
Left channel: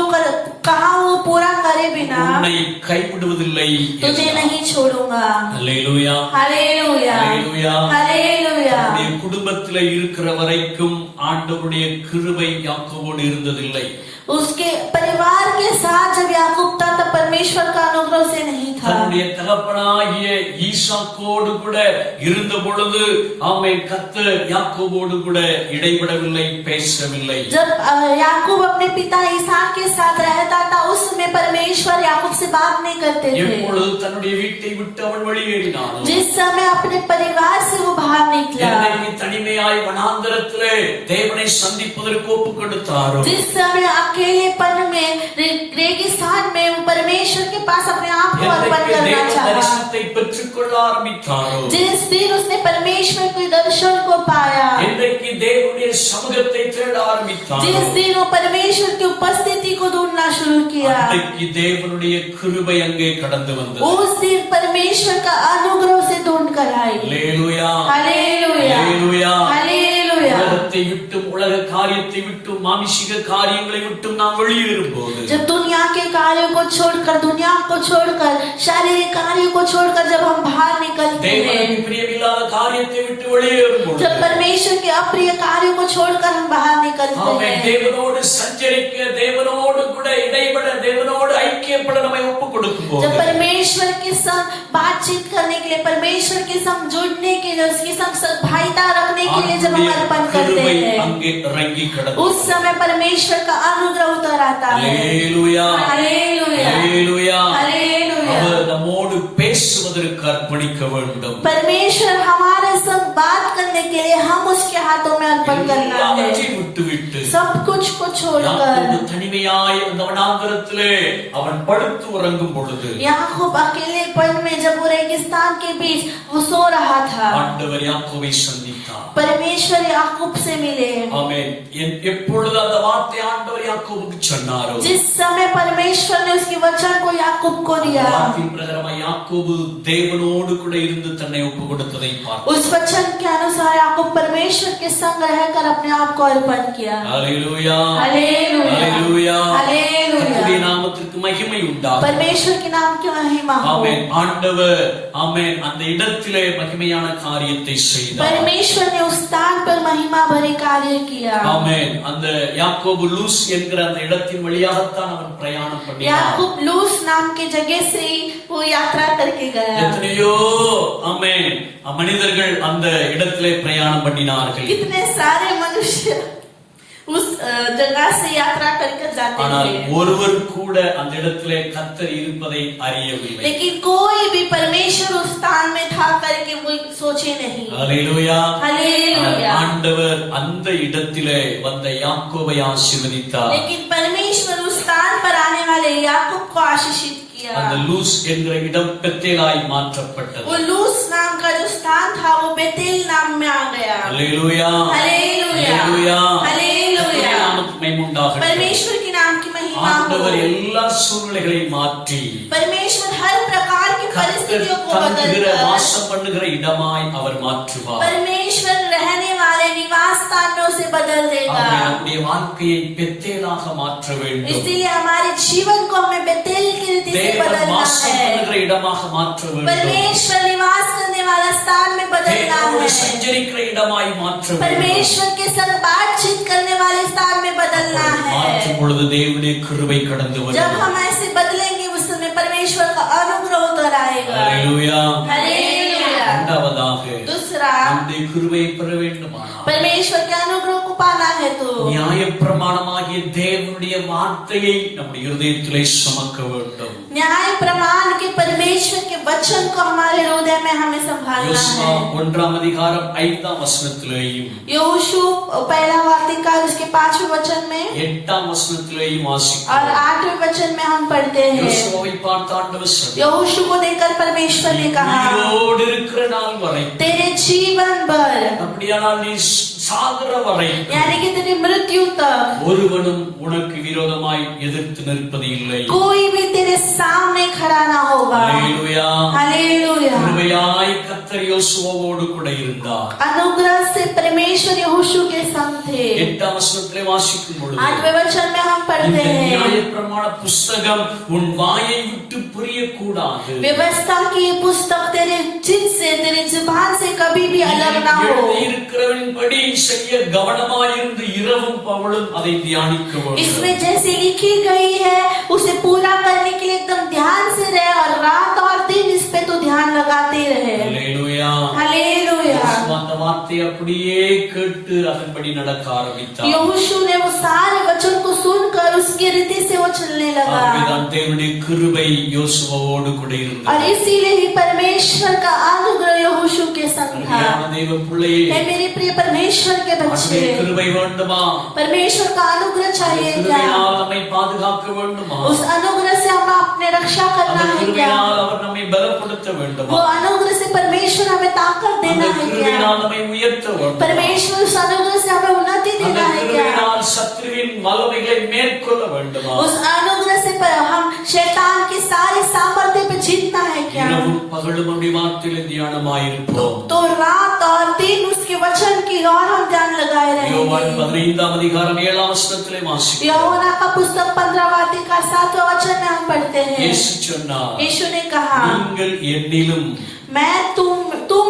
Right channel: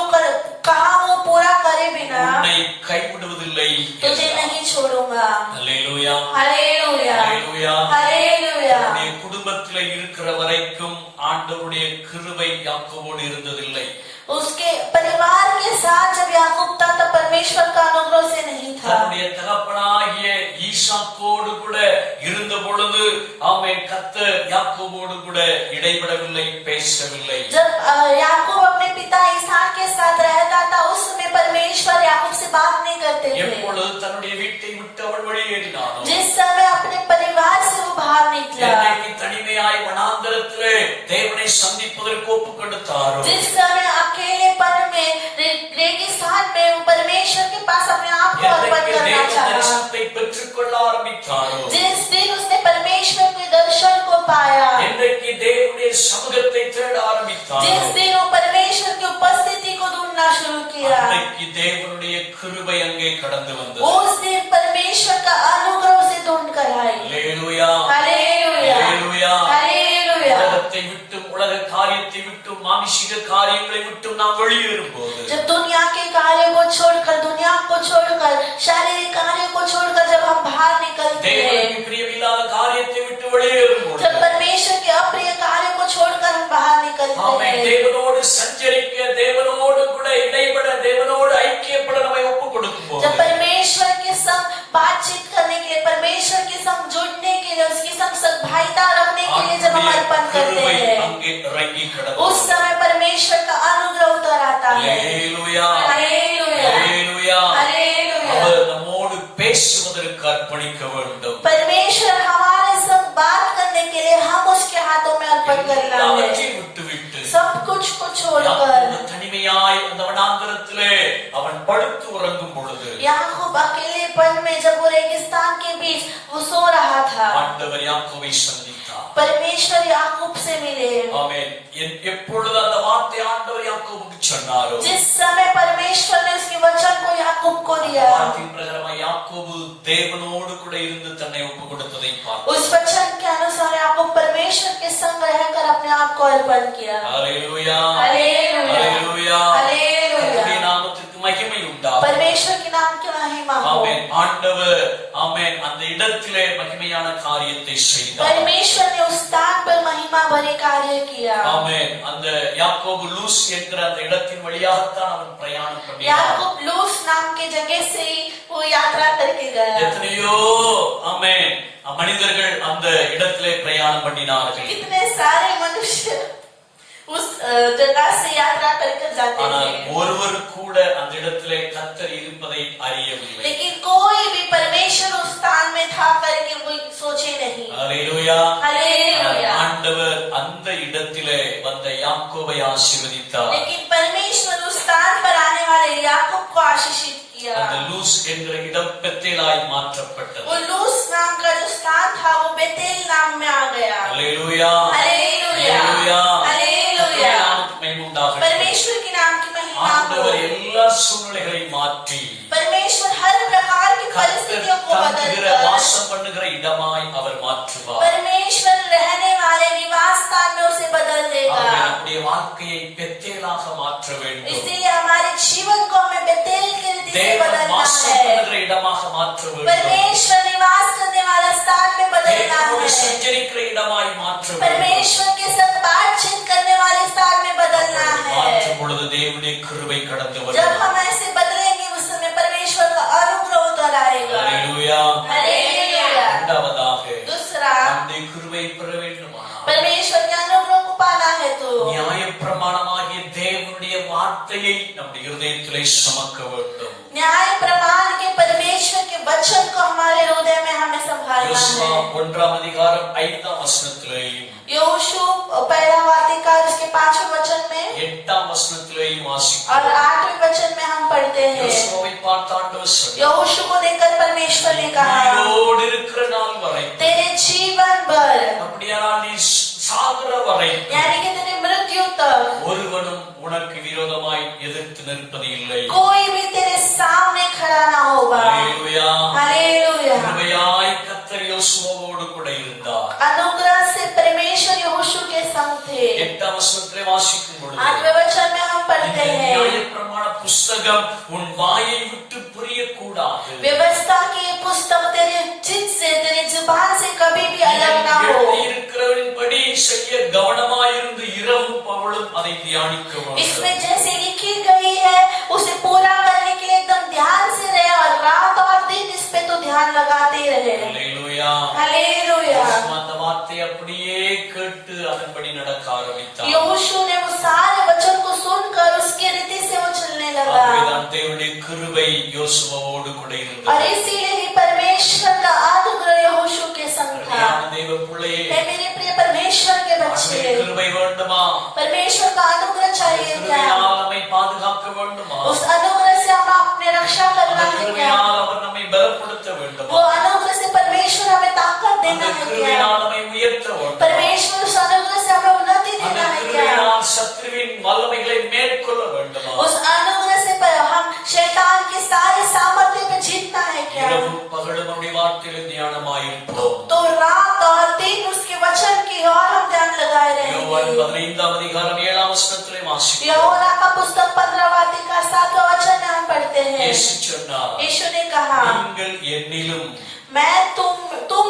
कहा वो पूरा करे बिना உன்னை கைவிடுவதில்லை तुझे என்றார். नहीं छोड़ूंगा. அல்லேலூயா. हालेलुया. அல்லேலூயா. हालेलुया. உன்னுடைய குடும்பத்திலே இருக்கிற வரைக்கும் ஆண்டவருடைய கிருபை யாக்கோபோடு இருந்ததில்லை. उसके परिवार के साथ जब याकूब था तब परमेश्वर का अनुग्रह से नहीं था. தன்னுடைய தகப்பனாகிய ஈசாக்கோடு கூட இருந்த பொழுது ஆமென், கர்த்தர் யாக்கோபோடு கூட இடைபடவில்லை, பேசவில்லை. जब याकूब अपने पिता इसहाक के साथ रहता था उस समय परमेश्वर याकूब से बात नहीं करते थे. எப்பொழுது தன்னுடைய வீட்டை விட்டு அவன் வெளியேறினானோ, जिस समय अपने परिवार से वो बाहर निकला, என்னைக்கு தனிமையாய் வனாந்தரத்திலே தேவனை சந்திப்பதற்கு ஒப்புக் கொடுத்தாரோ, जिस समय अकेलेपन में रेगिस्तान में वो परमेश्वर के पास अपने आप को अर्पण என்னைக்கு करना தேவ चाहा, தரிசனத்தை பெற்றுக்கொள்ள ஆரம்பித்தாரோ, जिस दिन उसने परमेश्वर के दर्शन को पाया, என்றைக்கு தேவனுடைய சமூகத்தை தேட ஆரம்பித்தாரோ, जिस दिन वो परमेश्वर की उपस्थिति को ढूंढना शुरू किया, அன்றைக்கு தேவனுடைய கிருபை அங்கே கடந்து வந்தது. उस दिन परमेश्वर का अनुग्रह उसे ढूंढ कर आई. அல்லேலூயா. हालेलुया. அல்லேலूயா. हालेलुया. உலகத்தை விட்டும் உலக காரியத்தை விட்டும் மானுஷிக காரியங்களை விட்டும் நாம் வெளியேறும் போது, जब दुनिया के कार्यों को छोड़कर, दुनिया को छोड़कर, शारीरिक कार्यों को छोड़कर जब हम बाहर निकलते हैं, தேவனுக்கு பிரியமில்லாத காரியத்தை விட்டு வெளியேறும் போது, जब परमेश्वर के अप्रिय कार्यों को छोड़कर हम बाहर निकलते ஆமென், हैं, தேவனோடு சஞ்சரிக்க, தேவனோடு கூட இடைபட, தேவனோடு ஐக்கியப்பட நம்மை ஒப்புக் கொடுக்கும் போது, जब परमेश्वर के संग बातचीत करने के लिए, परमेश्वर के संग जुड़ने के लिए, उसके संग सद्भावना रखने के लिए जब हम अर्पण करते கிருபை हैं, அங்கே இறங்கி கடந்து उस समय परमेश्वर का अनुग्रह उतर आता है. அல்லேலூயா. हालेलुया. அல்லேலூயா. हालेलुया. அவர் நம்மோடு பேசுவதற்கு அர்ப்பணிக்க வேண்டும். परमेश्वर हमारे संग बात करने के लिए हम उसके हाथों में अर्पण करना है. எல்லாவற்றையும் விட்டுவிட்டு सब कुछ को छोड़कर யாக்கோபு தனிமையாய் அந்த வனாந்தரத்திலே அவன் படுத்து உறங்கும் பொழுது याकूब अकेलेपन में जब वो रेगिस्तान के बीच वो सो रहा था, ஆண்டவர் யாக்கோபை சந்தித்தார். परमेश्वर याकूब से मिले. ஆமென். எப்பொழுது அந்த வார்த்தை ஆண்டவர் யாக்கோபுக்கு சொன்னாரோ, जिस समय परमेश्वर ने उसके वचन को याकूब को दिया, வார்த்தையின் பிரகாரமாய் யாக்கோபு தேவனோடு கூட இருந்து தன்னை ஒப்புக் கொடுத்ததை பார்த்தார். उस वचन के अनुसार याकूब परमेश्वर के संग रहकर अपने आप को अर्पण किया. அல்லேலூயா. हालेलुया. அல்லேலூயா. हालेलुया. கர்த்தருடைய நாமத்திற்கு மகிமை உண்டாகும். परमेश्वर के नाम की महिमा हो। ஆமென். ஆண்டவர் ஆமென் அந்த இடத்திலே மகிமையான காரியத்தை செய்தார். परमेश्वर ने उस स्थान पर महिमा भरे कार्य किया। ஆமென். அந்த யாக்கோபு லூஸ் என்கிற அந்த இடத்தின் வழியாகத்தான் அவன் பிரயாணம் பண்ணினான். याकूब लूस नाम के जगह से ही वो यात्रा करके गया। எத்தனையோ ஆமென் மனிதர்கள் அந்த இடத்திலே பிரயாணம் பண்ணினார்கள். कितने सारे मनुष्य उस जगह से यात्रा करके जाते ஆனால் हैं, ஒருவர் கூட அந்த இடத்திலே கர்த்தர் இருப்பதை அறியவில்லை. लेकिन कोई भी परमेश्वर उस स्थान में था करके वो सोचे नहीं। ஹல்லேலூயா. हालेलुया। ஆண்டவர் அந்த இடத்திலே வந்த யாக்கோபை ஆசீர்வதித்தார். लेकिन परमेश्वर उस स्थान पर आने वाले याकूब को आशीषित किया। அந்த லூஸ் என்கிற இடம் பெத்தேலாய் மாற்றப்பட்டது. वो लूस नाम का जो स्थान था वो बेतेल नाम में आ गया। ஹல்லேலூயா. हालेलुया। ஹல்லேலூயா. हालेलुया। நாமத்துக்கு மகிமை உண்டாகட்டும். परमेश्वर के नाम की महिमा हो। ஆண்டவர் எல்லா சூழ்நிலைகளையும் மாற்றி परमेश्वर हर प्रकार की परिस्थितियों को தங்குகிற बदलकर வாசம் பண்ணுகிற இடமாய் அவர் மாற்றுவார். परमेश्वर रहने वाले निवास स्थान में उसे बदल देगा। நம்முடைய வாழ்க்கையை பெத்தேலாக மாற்ற வேண்டும். इसलिए हमारे जीवन को हमें बेतेल की रीति से தேவன் बदलना வாசம் है। பண்ணுகிற இடமாக மாற்ற வேண்டும். परमेश्वर निवास करने वाला स्थान में बदलना தேவனோடு है। சஞ்சரிக்கிற இடமாய் மாற்ற வேண்டும். परमेश्वर के संग बातचीत करने वाले स्थान में बदलना மாற்றும் है। பொழுது தேவனுடைய கிருபை கடந்து जब வரும். हम ऐसे बदलेंगे उस समय परमेश्वर का अनुग्रह उतर आएगा। ஹல்லேலூயா. हालेलुया। இரண்டாவதாக दूसरा, நம்முடைய கிருபையை பெற வேண்டுமானால் परमेश्वर के अनुग्रह को पाना है तो நியாயப்பிரமாணமாகிய தேவனுடைய வார்த்தையை நம்முடைய இருதயத்திலே சுமக்க வேண்டும். न्याय प्रमाण के परमेश्वर के वचन को हमारे हृदय में हमें संभालना யோசுவா है। 1 அதிகாரம் 5 வசனத்திலேயும் यहोशू पहला वार्तिका उसके 5वें वचन में 8 वचनத்திலேயும் और வாசிக்கிறோம். 8वें वचन में हम पढ़ते हैं। யோசுவாவை பார்த்து ஆண்டவர் சொன்னார், यहोशू को देखकर परमेश्वर ने कहा, உயிரோடு இருக்கிற நாள் வரை तेरे जीवन भर, அப்படியானால் நீ சாகிற வரை यानी कि तेरी मृत्यु तक ஒருவனும் உனக்கு விரோதமாய் எதிர்த்து நிற்பது இல்லை. कोई भी तेरे सामने खड़ा ना होगा। ஹல்லேலூயா. हालेलुया। கிருபையாய் கர்த்தர் யோசுவாவோடு கூட இருந்தார். अनुग्रह से परमेश्वर यहोशू के संग थे। 8 வசனத்திலே வாசிக்கும் பொழுது 8वें वचन में हम पढ़ते இந்த हैं, நியாயப்பிரமாண புஸ்தகம் உன் வாயை விட்டு பிரியக்கூடாது. व्यवस्था की ये पुस्तक तेरे जिद से, तेरे जुबान से कभी भी अलग ना हो। எழுதியிருக்கிறவனின்படி செய்ய கவனமாயிருந்து இரவும் பகலும் அதை தியானிக்க வேண்டும். इसमें जैसे लिखी गई है उसे पूरा करने के लिए एकदम ध्यान से रहे और रात और दिन इस पे तो ध्यान लगाते रहे। ஹல்லேலூயா. हालेलुया। அந்த வார்த்தை அப்படியே கேட்டு அதன்படி நடக்க ஆரம்பித்தார். यहोशू ने वो सारे वचन को सुनकर उसकी रीति से वो चलने लगा ஆகவேதான் தேவனுடைய கிருபை யோசுவாவோடு கூட और இருந்தது. इसीलिए ही परमेश्वर का अनुग्रह यहोशू के संग था। அருமையான தேவ பிள்ளையே, हे मेरे प्रिय परमेश्वर के बच्चे, அவருடைய கிருபை வேண்டுமா? परमेश्वर का अनुग्रह चाहिए क्या? கிருபையால் நம்மை பாதுகாக்க வேண்டுமா? उस अनुग्रह से हमें अपने रक्षा करना அந்த है क्या? கிருபையால் அவர் நம்மை பலப்படுத்த வேண்டுமா? वो अनुग्रह से परमेश्वर हमें ताकत அந்த देना है क्या? கிருபையால் நம்மை உயர்த்த வேண்டும். परमेश्वर उस अनुग्रह से हमें उन्नति அந்த देना है क्या? கிருபையால் சத்துருவின் வல்லமைகளை மேற்கொள்ள வேண்டுமா? उस अनुग्रह से हम शैतान के सारे सामर्थ्य पे जीतना है क्या? இரவும் பகலும் நம்முடைய வார்த்தையில் தியானமாயிருப்போம். तो रात और दिन उसके वचन की और हम ध्यान लगाए யோவான் रहेंगे। 15 அதிகாரம் 7 வசனத்திலே வாசிக்கிறோம். यूहन्ना का पुस्तक 15 वार्तिका 7वें वचन में हम पढ़ते हैं, இயேசு சொன்னார், यीशु ने कहा, நீங்கள் என்னிலும் मैं तुम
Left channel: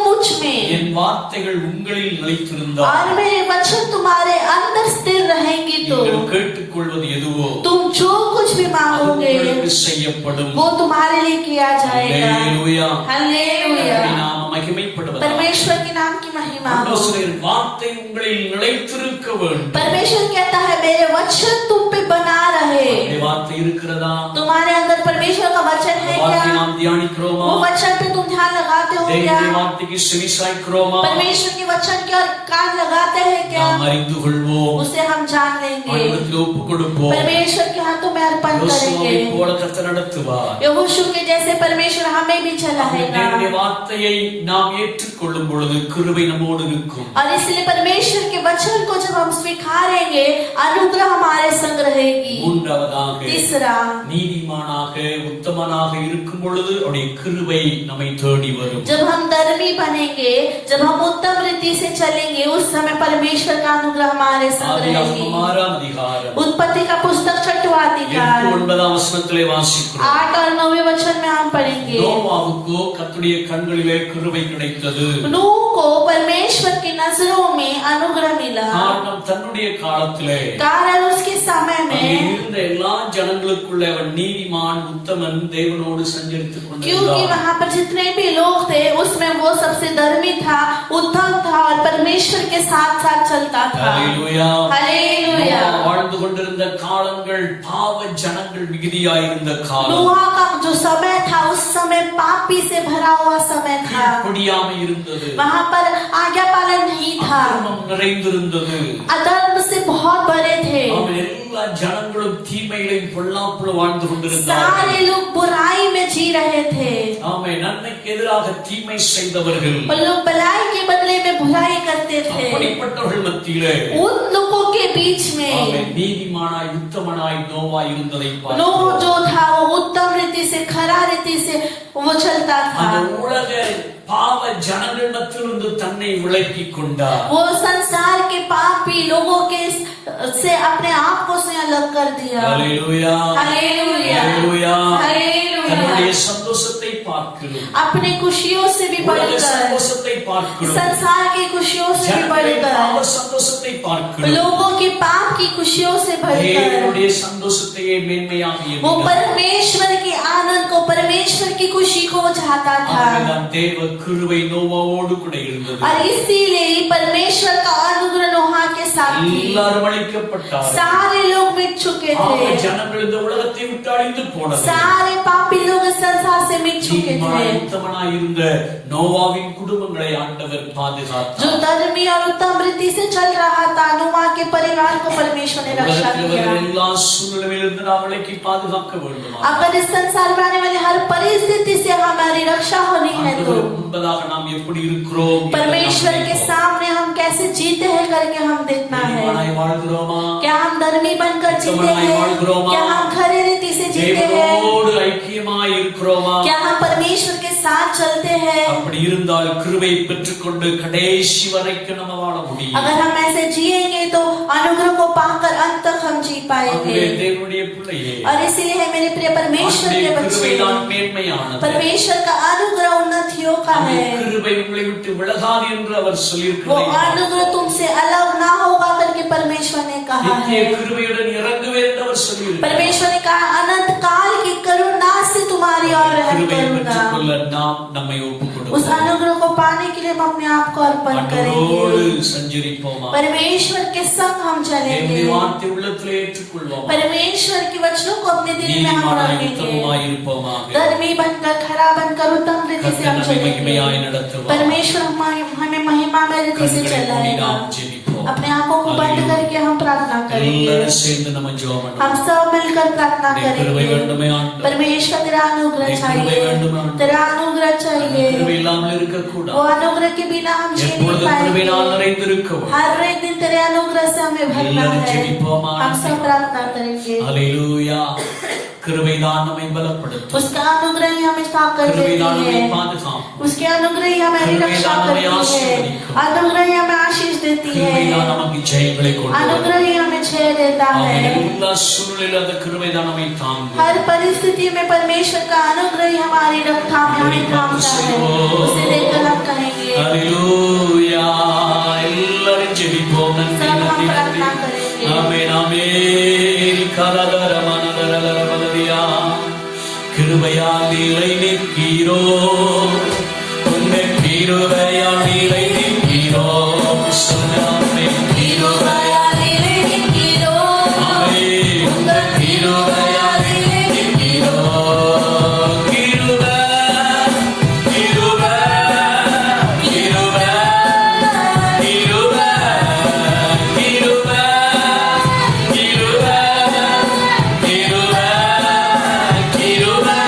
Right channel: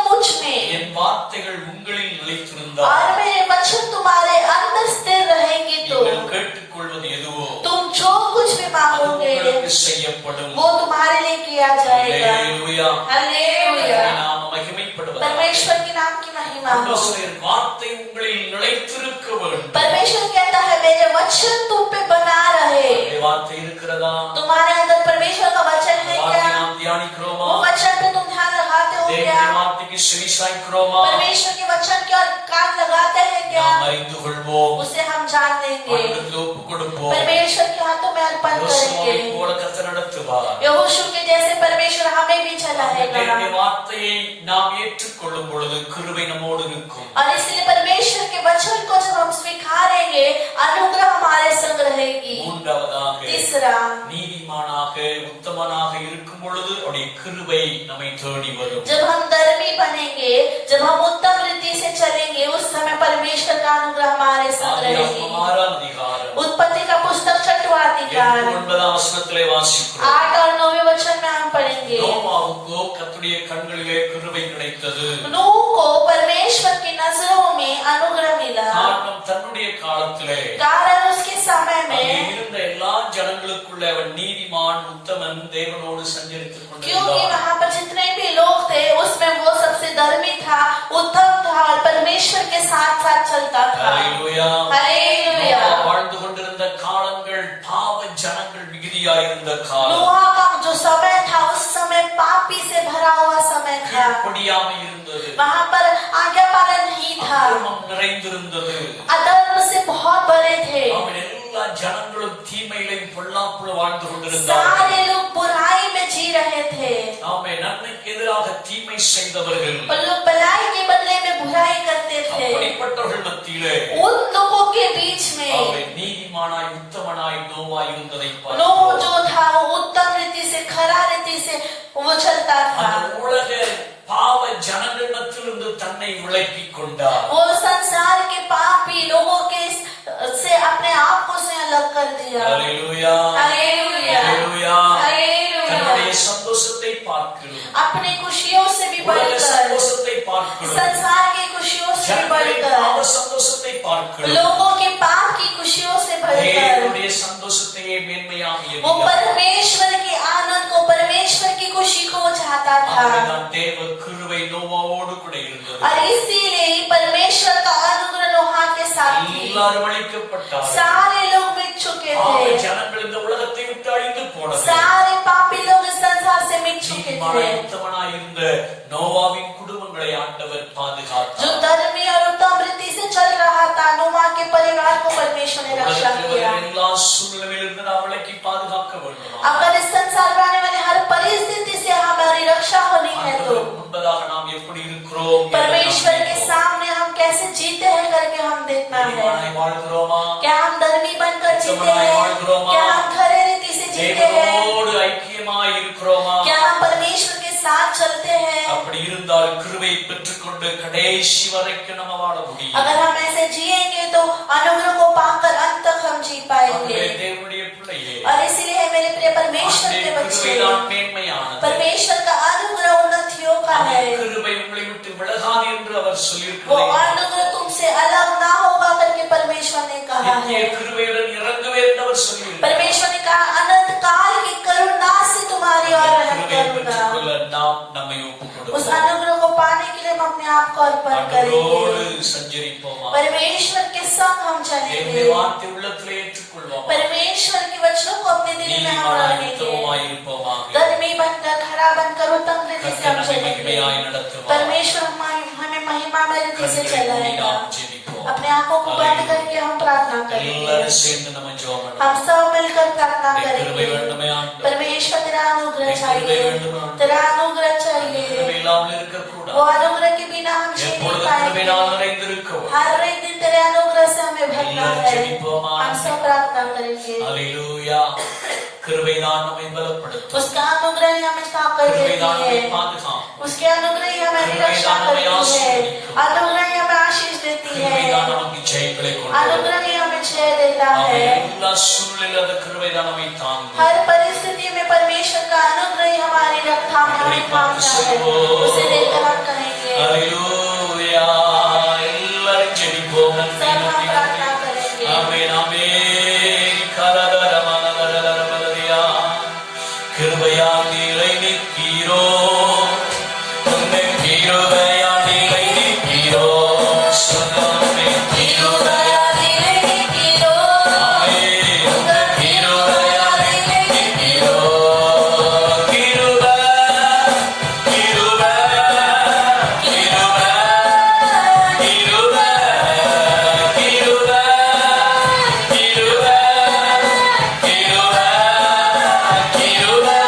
मुझ में என் வார்த்தைகள் உங்களில் நிலைத்திருந்தால் और मेरे वचन तुम्हारे अंदर स्थिर रहेंगे तो நீங்கள் கேட்டுக்கொள்வது எதுவோ तुम जो कुछ भी அது मांगोगे உங்களுக்கு செய்யப்படும். वो तुम्हारे लिए किया जाएगा। ஹல்லேலூயா. हालेलुया। நாம மகிமைப்படுவதாக. परमेश्वर के नाम की महिमा हो। ஆண்டவர் சொல்கிறார், வார்த்தை உங்களில் நிலைத்திருக்க வேண்டும். परमेश्वर कहता है मेरे वचन तुम पे बना रहे। அந்த வார்த்தை இருக்கிறதா? तुम्हारे अंदर परमेश्वर का वचन है வார்த்தை क्या? நாம் தியானிக்கிறோமா? वो वचन पे तुम ध्यान लगाते हो क्या? தேவனுடைய வார்த்தைக்கு செவிசாய்க்கிறோமா? परमेश्वर के वचन की और कान लगाते हैं क्या? நாம் அறிந்து கொள்வோம். उसे हम जान लेंगे। ஆண்டவருக்கு ஒப்பு கொடுப்போம். परमेश्वर के हाथों में अर्पण யோசுவாவை करेंगे। போல கர்த்தர் நடத்துவார். यहोशू के जैसे परमेश्वर हमें भी चलाएगा। தேவனுடைய வார்த்தையை நாம் ஏற்றுக்கொள்ளும் பொழுது கிருபை நம்மோடு இருக்கும். और इसलिए परमेश्वर के वचन को जब हम स्वीकारेंगे अनुग्रह हमारे संग रहेगी। மூன்றாவதாக तीसरा, நீதிமானாக உத்தமனாக இருக்கும் பொழுது அவருடைய கிருபை நம்மை தேடி வரும். जब हम धर्मी बनेंगे, जब हम उत्तम रीति से चलेंगे, उस समय परमेश्वर का अनुग्रह हमारे संग रहेगी। ஆதியாகமம் 6 அதிகாரம் उत्पत्ति का पुस्तक 6वां अधिकार। 8-9 வசனத்திலே வாசிக்கிறோம். 8 और 9 वचन में हम पढ़ेंगे। நோவாவுக்கோ கர்த்தருடைய கண்களிலே கிருபை கிடைத்தது. नूह को परमेश्वर की नजरों में अनुग्रह मिला। காரணம் தன்னுடைய காலத்திலே कारण उसके समय அங்கே में இருந்த எல்லா ஜனங்களுக்குள்ளே அவன் நீதிமான் உத்தமன் தேவனோடு சஞ்சரித்துக் क्योंकि கொண்டிருந்தான். वहाँ पर जितने भी लोग थे उसमें वो सबसे धर्मी था, उत्तम था और परमेश्वर के साथ साथ चलता था। ஹல்லேலூயா. हालेलुया। நோவா வாழ்ந்து கொண்டிருந்த காலங்கள் பாவ ஜனங்கள் மிகுதியாயிருந்த காலம். नूह का जो समय था उस समय पापी से भरा हुआ समय था। கீழ்ப்படியாமை இருந்தது. वहाँ पर आज्ञा पालन नहीं था, அக்கிரமம் நிறைந்திருந்தது. अधर्म से बहुत भरे थे। அவன் எல்லா ஜனங்களும் தீமையிலும் பொல்லாப்புல வாழ்ந்து கொண்டிருந்தார்கள். सारे लोग बुराई में जी रहे थे। ஆமே, நன்மைக்கு எதிராக தீமை செய்தவர்கள் वो लोग भलाई के बदले में बुराई करते थे। அப்படிப்பட்டவர்கள் மத்தியிலே उन लोगों के बीच ஆமே, में நீதிமானாய் உத்தமனாய் நோவா இருந்ததை नूह பார்க்கிறோம். जो था वो उत्तम रीति से, खरा रीति से वो चलता था। அந்த உலக பாவ ஜனங்கள் மத்தியிலிருந்து தன்னை விலக்கிக் கொண்டார். वो संसार के पापी लोगों के से अपने आप को से अलग कर दिया। ஹல்லேலூயா. हालेलुया। ஹல்லேலூயா. हालेलुया। தன்னுடைய சந்தோஷத்தை பார்க்கிறோம். अपनी खुशियों से भी உலக बढ़कर, சந்தோஷத்தை பார்க்கிறோம். संसार की खुशियों से भी ஜனங்களின் பாவ बढ़कर, சந்தோஷத்தை பார்க்கிறோம். लोगों के पाप की खुशियों से बढ़कर தேவனுடைய சந்தோஷத்தையே மேன்மையாக वो எண்ணினார். परमेश्वर की आनंद को, परमेश्वर की खुशी को चाहता था। ஆகவேதான் தேவ கிருபை நோவாவோடு கூட இருந்தது. और इसीलिए ही परमेश्वर का अनुग्रह नोहा के साथ थी। எல்லாரும் அழிக்கப்பட்டார்கள். सारे लोग मिट चुके ஆகவே थे, ஜனங்கள் இந்த உலகத்தை விட்டு அழிந்து போனது. सारे पापी लोग इस संसार से मिट चुके நீதிமானாய் थे। உத்தமனாய் இருந்த நோவாவின் குடும்பங்களை ஆண்டவர் பாதுகாத்தார். जो धर्मी और उत्तम रीति से चल रहा था, नोहा के परिवार को परमेश्वर ने रक्षा உலகத்தில் किया। வரும் எல்லா சூழ்நிலையிலிருந்து நாம் விலக்கி பாதுகாக்க வேண்டும். अगर इस संसार में आने वाली हर परिस्थिति से हमारी रक्षा होनी है तो ஆண்டவருக்கு முன்பதாக நாம் எப்படி இருக்கிறோம்? परमेश्वर के सामने हम कैसे जीते हैं करके हम देखना है। நீதிமானாய் வாழ்கிறோமா? क्या हम धर्मी बनकर जीते उत्तमनाय हैं? வாழ்கிறோமா? क्या हम खरे रीति से जीते हैं? தேவனோடு ஐக்கியமாய் இருக்கிறோமா? क्या हम परमेश्वर के साथ चलते हैं? அப்படி இருந்தால் கிருபை பெற்றுக்கொண்டு கடைசி வரைக்கும் நம்ம வாழ முடியும். अगर हम ऐसे जिएंगे तो अनुग्रह को पाकर अंत तक हम जी पाएंगे। ஆகவே தேவனுடைய பிள்ளையே, और इसीलिए है मेरे प्रिय परमेश्वर ஆண்டவருடைய के கிருபை बच्चे, தான் மேன்மையானது. परमेश्वर का अनुग्रह उन्नतियों का அந்த है। கிருபை உங்களை விட்டு விலகாது என்று அவர் वो சொல்லியிருக்கிறார். अनुग्रह तुमसे अलग ना होगा करके परमेश्वर ने कहा நித்திய है। கிருபையுடன் இறங்குவேன் என்று அவர் சொல்லியிருக்கிறார். परमेश्वर ने कहा अनंत काल की करुणा से तुम्हारी ओर रहम கிருபையை करूंगा। பெற்றுக்கொள்ள நாம் நம்மை ஒப்புக் उस கொடுப்போம். अनुग्रह को पाने के लिए हम अपने आप को अर्पण ஆண்டவரோடு करेंगे। சஞ்சரிப்போமா? परमेश्वर के संग हम தேவனுடைய चलेंगे। வார்த்தை உள்ளத்திலே ஏற்றுக்கொள்வோமா? परमेश्वर के वचनों को अपने दिल में हम நீதிமானாய் रखेंगे। உத்தமமாய் இருப்போமாக. धर्मी बनकर, खरा बनकर, उत्तम रीति से हम கர்த்தர் நம்மை चलेंगे। மகிமையாய் நடத்துவார். परमेश्वर हमें महिमा में रीति से கண்களை மூடி चलाएगा। நாம் ஜெபிப்போம். अपने आंखों को बंद करके हम प्रार्थना करेंगे। எல்லாரும் சேர்ந்து நம்ம ஜெபம் हम பண்ணுவோம். सब मिलकर प्रार्थना உம்முடைய கிருபை करेंगे। வேண்டுமே ஆண்டவரே. परमेश्वर तेरा अनुग्रह उम्मीद चाहिए, வேண்டும் ஆண்டவரே. तेरा अनुग्रह கிருபை चाहिए। இல்லாமல் இருக்கக்கூடாது. वो अनुग्रह के बिना हम जी नहीं எப்பொழுதும் पाएंगे। கிருபையினால் நிறைந்திருக்கவும். हर एक दिन तेरे अनुग्रह से हमें भरना எல்லாரும் है। ஜெபிப்போம் हम ஆண்டவரே. सब प्रार्थना करेंगे। ஹல்லேலூயா. கிருபைதான் நம்மை பலப்படுத்தும். उसका अनुग्रह ही हमें ताकत கிருபைதான் देती நம்மை है। பாதுகாக்கும். उसके अनुग्रह ही हमारी कृपया रक्षा हमें करती है। आशीर्वाद अनुग्रह ही हमें आशीष देती கிருபைதான் है। நமக்கு ஜெயங்களை கொண்டு வரும். अनुग्रह ही हमें जय देता ஆமென். है। எல்லா சூழ்நிலையிலும் அந்த கிருபைதான் நம்மை தாங்கும். हर परिस्थिति में परमेश्वर का अनुग्रह ही हमारी रक्षा में हमें थामता है। उसे देखकर हम कहेंगे ஹல்லேலூயா. எல்லாரும் ஜெபிப்போம். நன்றி, सब हम நன்றி, प्रार्थना நன்றி. करेंगे। ஆமென், ஆமென். கலகரமனதரதரபதரியா. கிருபையால் நீரை நிற்கிறோ, உங்கள் கிருபையால் நீரை நிற்கிறோ. சொன்னாமே கிருபையால் நீரை நிற்கிறோ. ஆமென். உங்கள் கிருபையால் நீரை நிற்கிறோ. கிருபை, கிருபை, கிருபை, கிருபை, கிருபை, கிருபை, கிருபை, கிருபை,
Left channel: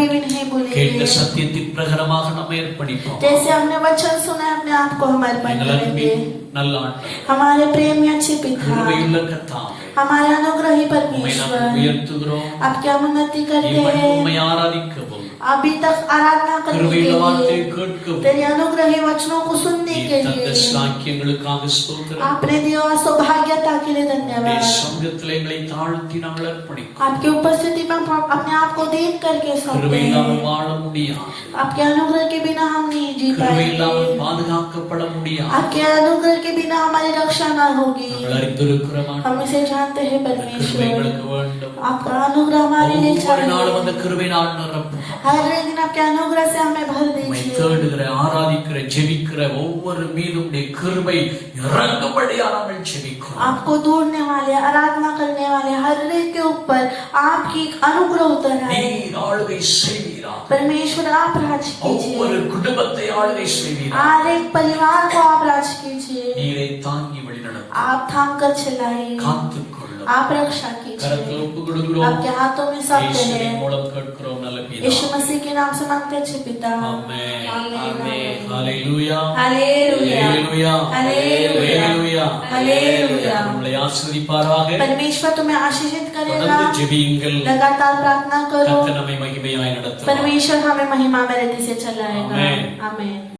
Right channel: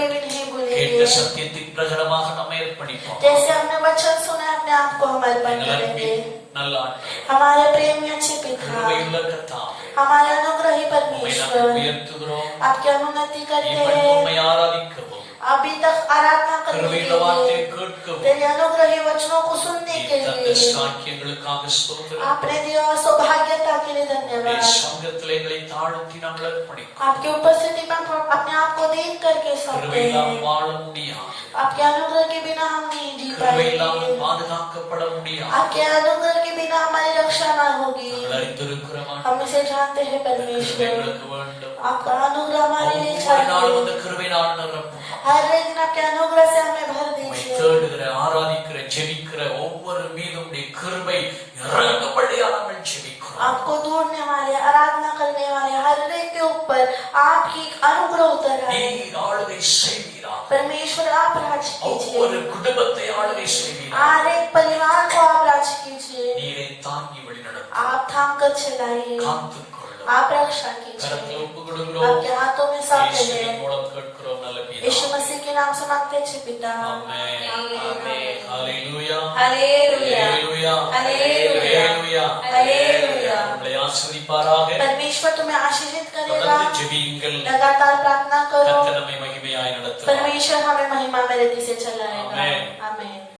कभी भी नहीं கேட்ட भूलेंगे। சத்தியத்தின் பிரகாரமாக நம்மை அர்ப்பணிப்போம். जैसे हमने वचन सुना है, अपने आप को हम अर्पण எங்கள் करेंगे। அன்பின் நல்ல ஆண்டவரே, हमारे प्रेमी अच्छे पिता, கிருபையுள்ள கர்த்தாவே, हमारे अनुग्रही உம்மை परमेश्वर, நாங்கள் உயர்த்துகிறோம். आपकी अनुमति करते இவன் हैं। உம்மை ஆராதிக்கவும் अभी तक आराधना करने के கிருபையுள்ள வார்த்தையை लिए, கேட்கவும் तेरे अनुग्रही वचनों को सुनने நீ के தந்த लिए, சாக்கியங்களுக்காக ஸ்தோத்திரம். आपने दिया सौभाग्यता के लिए உம்முடைய धन्यवाद। சங்கத்திலே எங்களை தாழ்த்தி நாங்கள் அர்ப்பணிக்கிறோம். आपकी उपस्थिति में हम अपने आप को दीन करके सौंपते கிருபை हैं। இல்லாமல் வாழ முடியாது. आपके अनुग्रह के बिना हम नहीं जी கிருபை இல்லாமல் पाएंगे। பாதுகாக்கப்பட முடியாது. आपके अनुग्रह के बिना हमारी रक्षा न होगी। நாங்கள் அறிந்திருக்கிறோம் हम इसे जानते हैं கிருபை परमेश्वर। எங்களுக்கு வேண்டும். आपका अनुग्रह हमारे लिए ஒவ்வொரு நாளும் चाहिए। அந்த கிருபையினால் நிரப்பும். हर एक दिन आपके अनुग्रह से हमें भर உம்மை दीजिए। தேடுகிற, ஆராதிக்கிற, ஜெபிக்கிற ஒவ்வொரு மீதும் உம்முடைய கிருபை இறங்கும்படியாக நாங்கள் ஜெபிக்கிறோம். आपको ढूंढने वाले, आराधना करने वाले हर एक के ऊपर आपकी अनुग्रह उतर आए। நீர் ஆளுகை செய்வீரா. परमेश्वर आप राज ஒவ்வொரு कीजिए। குடும்பத்தை ஆளுகை செய்வீரா. हर एक परिवार को आप राज कीजिए। நீரை தாங்கி வழிநடத்தும். आप थाम कर चलाइए। காத்துக்கொள்ளும். आप रक्षा கரத்தில் कीजिए। ஒப்பு கொடுக்கிறோம். आपके हाथों में सौंपते இயேசுவின் हैं। மூலம் கேட்கிறோம் நல்ல यीशु பிதாவே. मसीह के नाम से मांगते अच्छे पिता। ஆமென். आमीन। ஆமென். ஹalleluya. हालेलुया। ஹalleluya. हालेलुया। ஹalleluya. हालेलुया। நம்மளை ஆசீர்வதிப்பாராக. परमेश्वर तुम्हें आशीषित करेगा। தொடர்ந்து ஜெபியுங்கள். लगातार प्रार्थना करो। கர்த்தர் நம்மை மகிமையாய் நடத்துவார். परमेश्वर हमें महिमा में रीति से चलाएगा। आमीन। आमीन।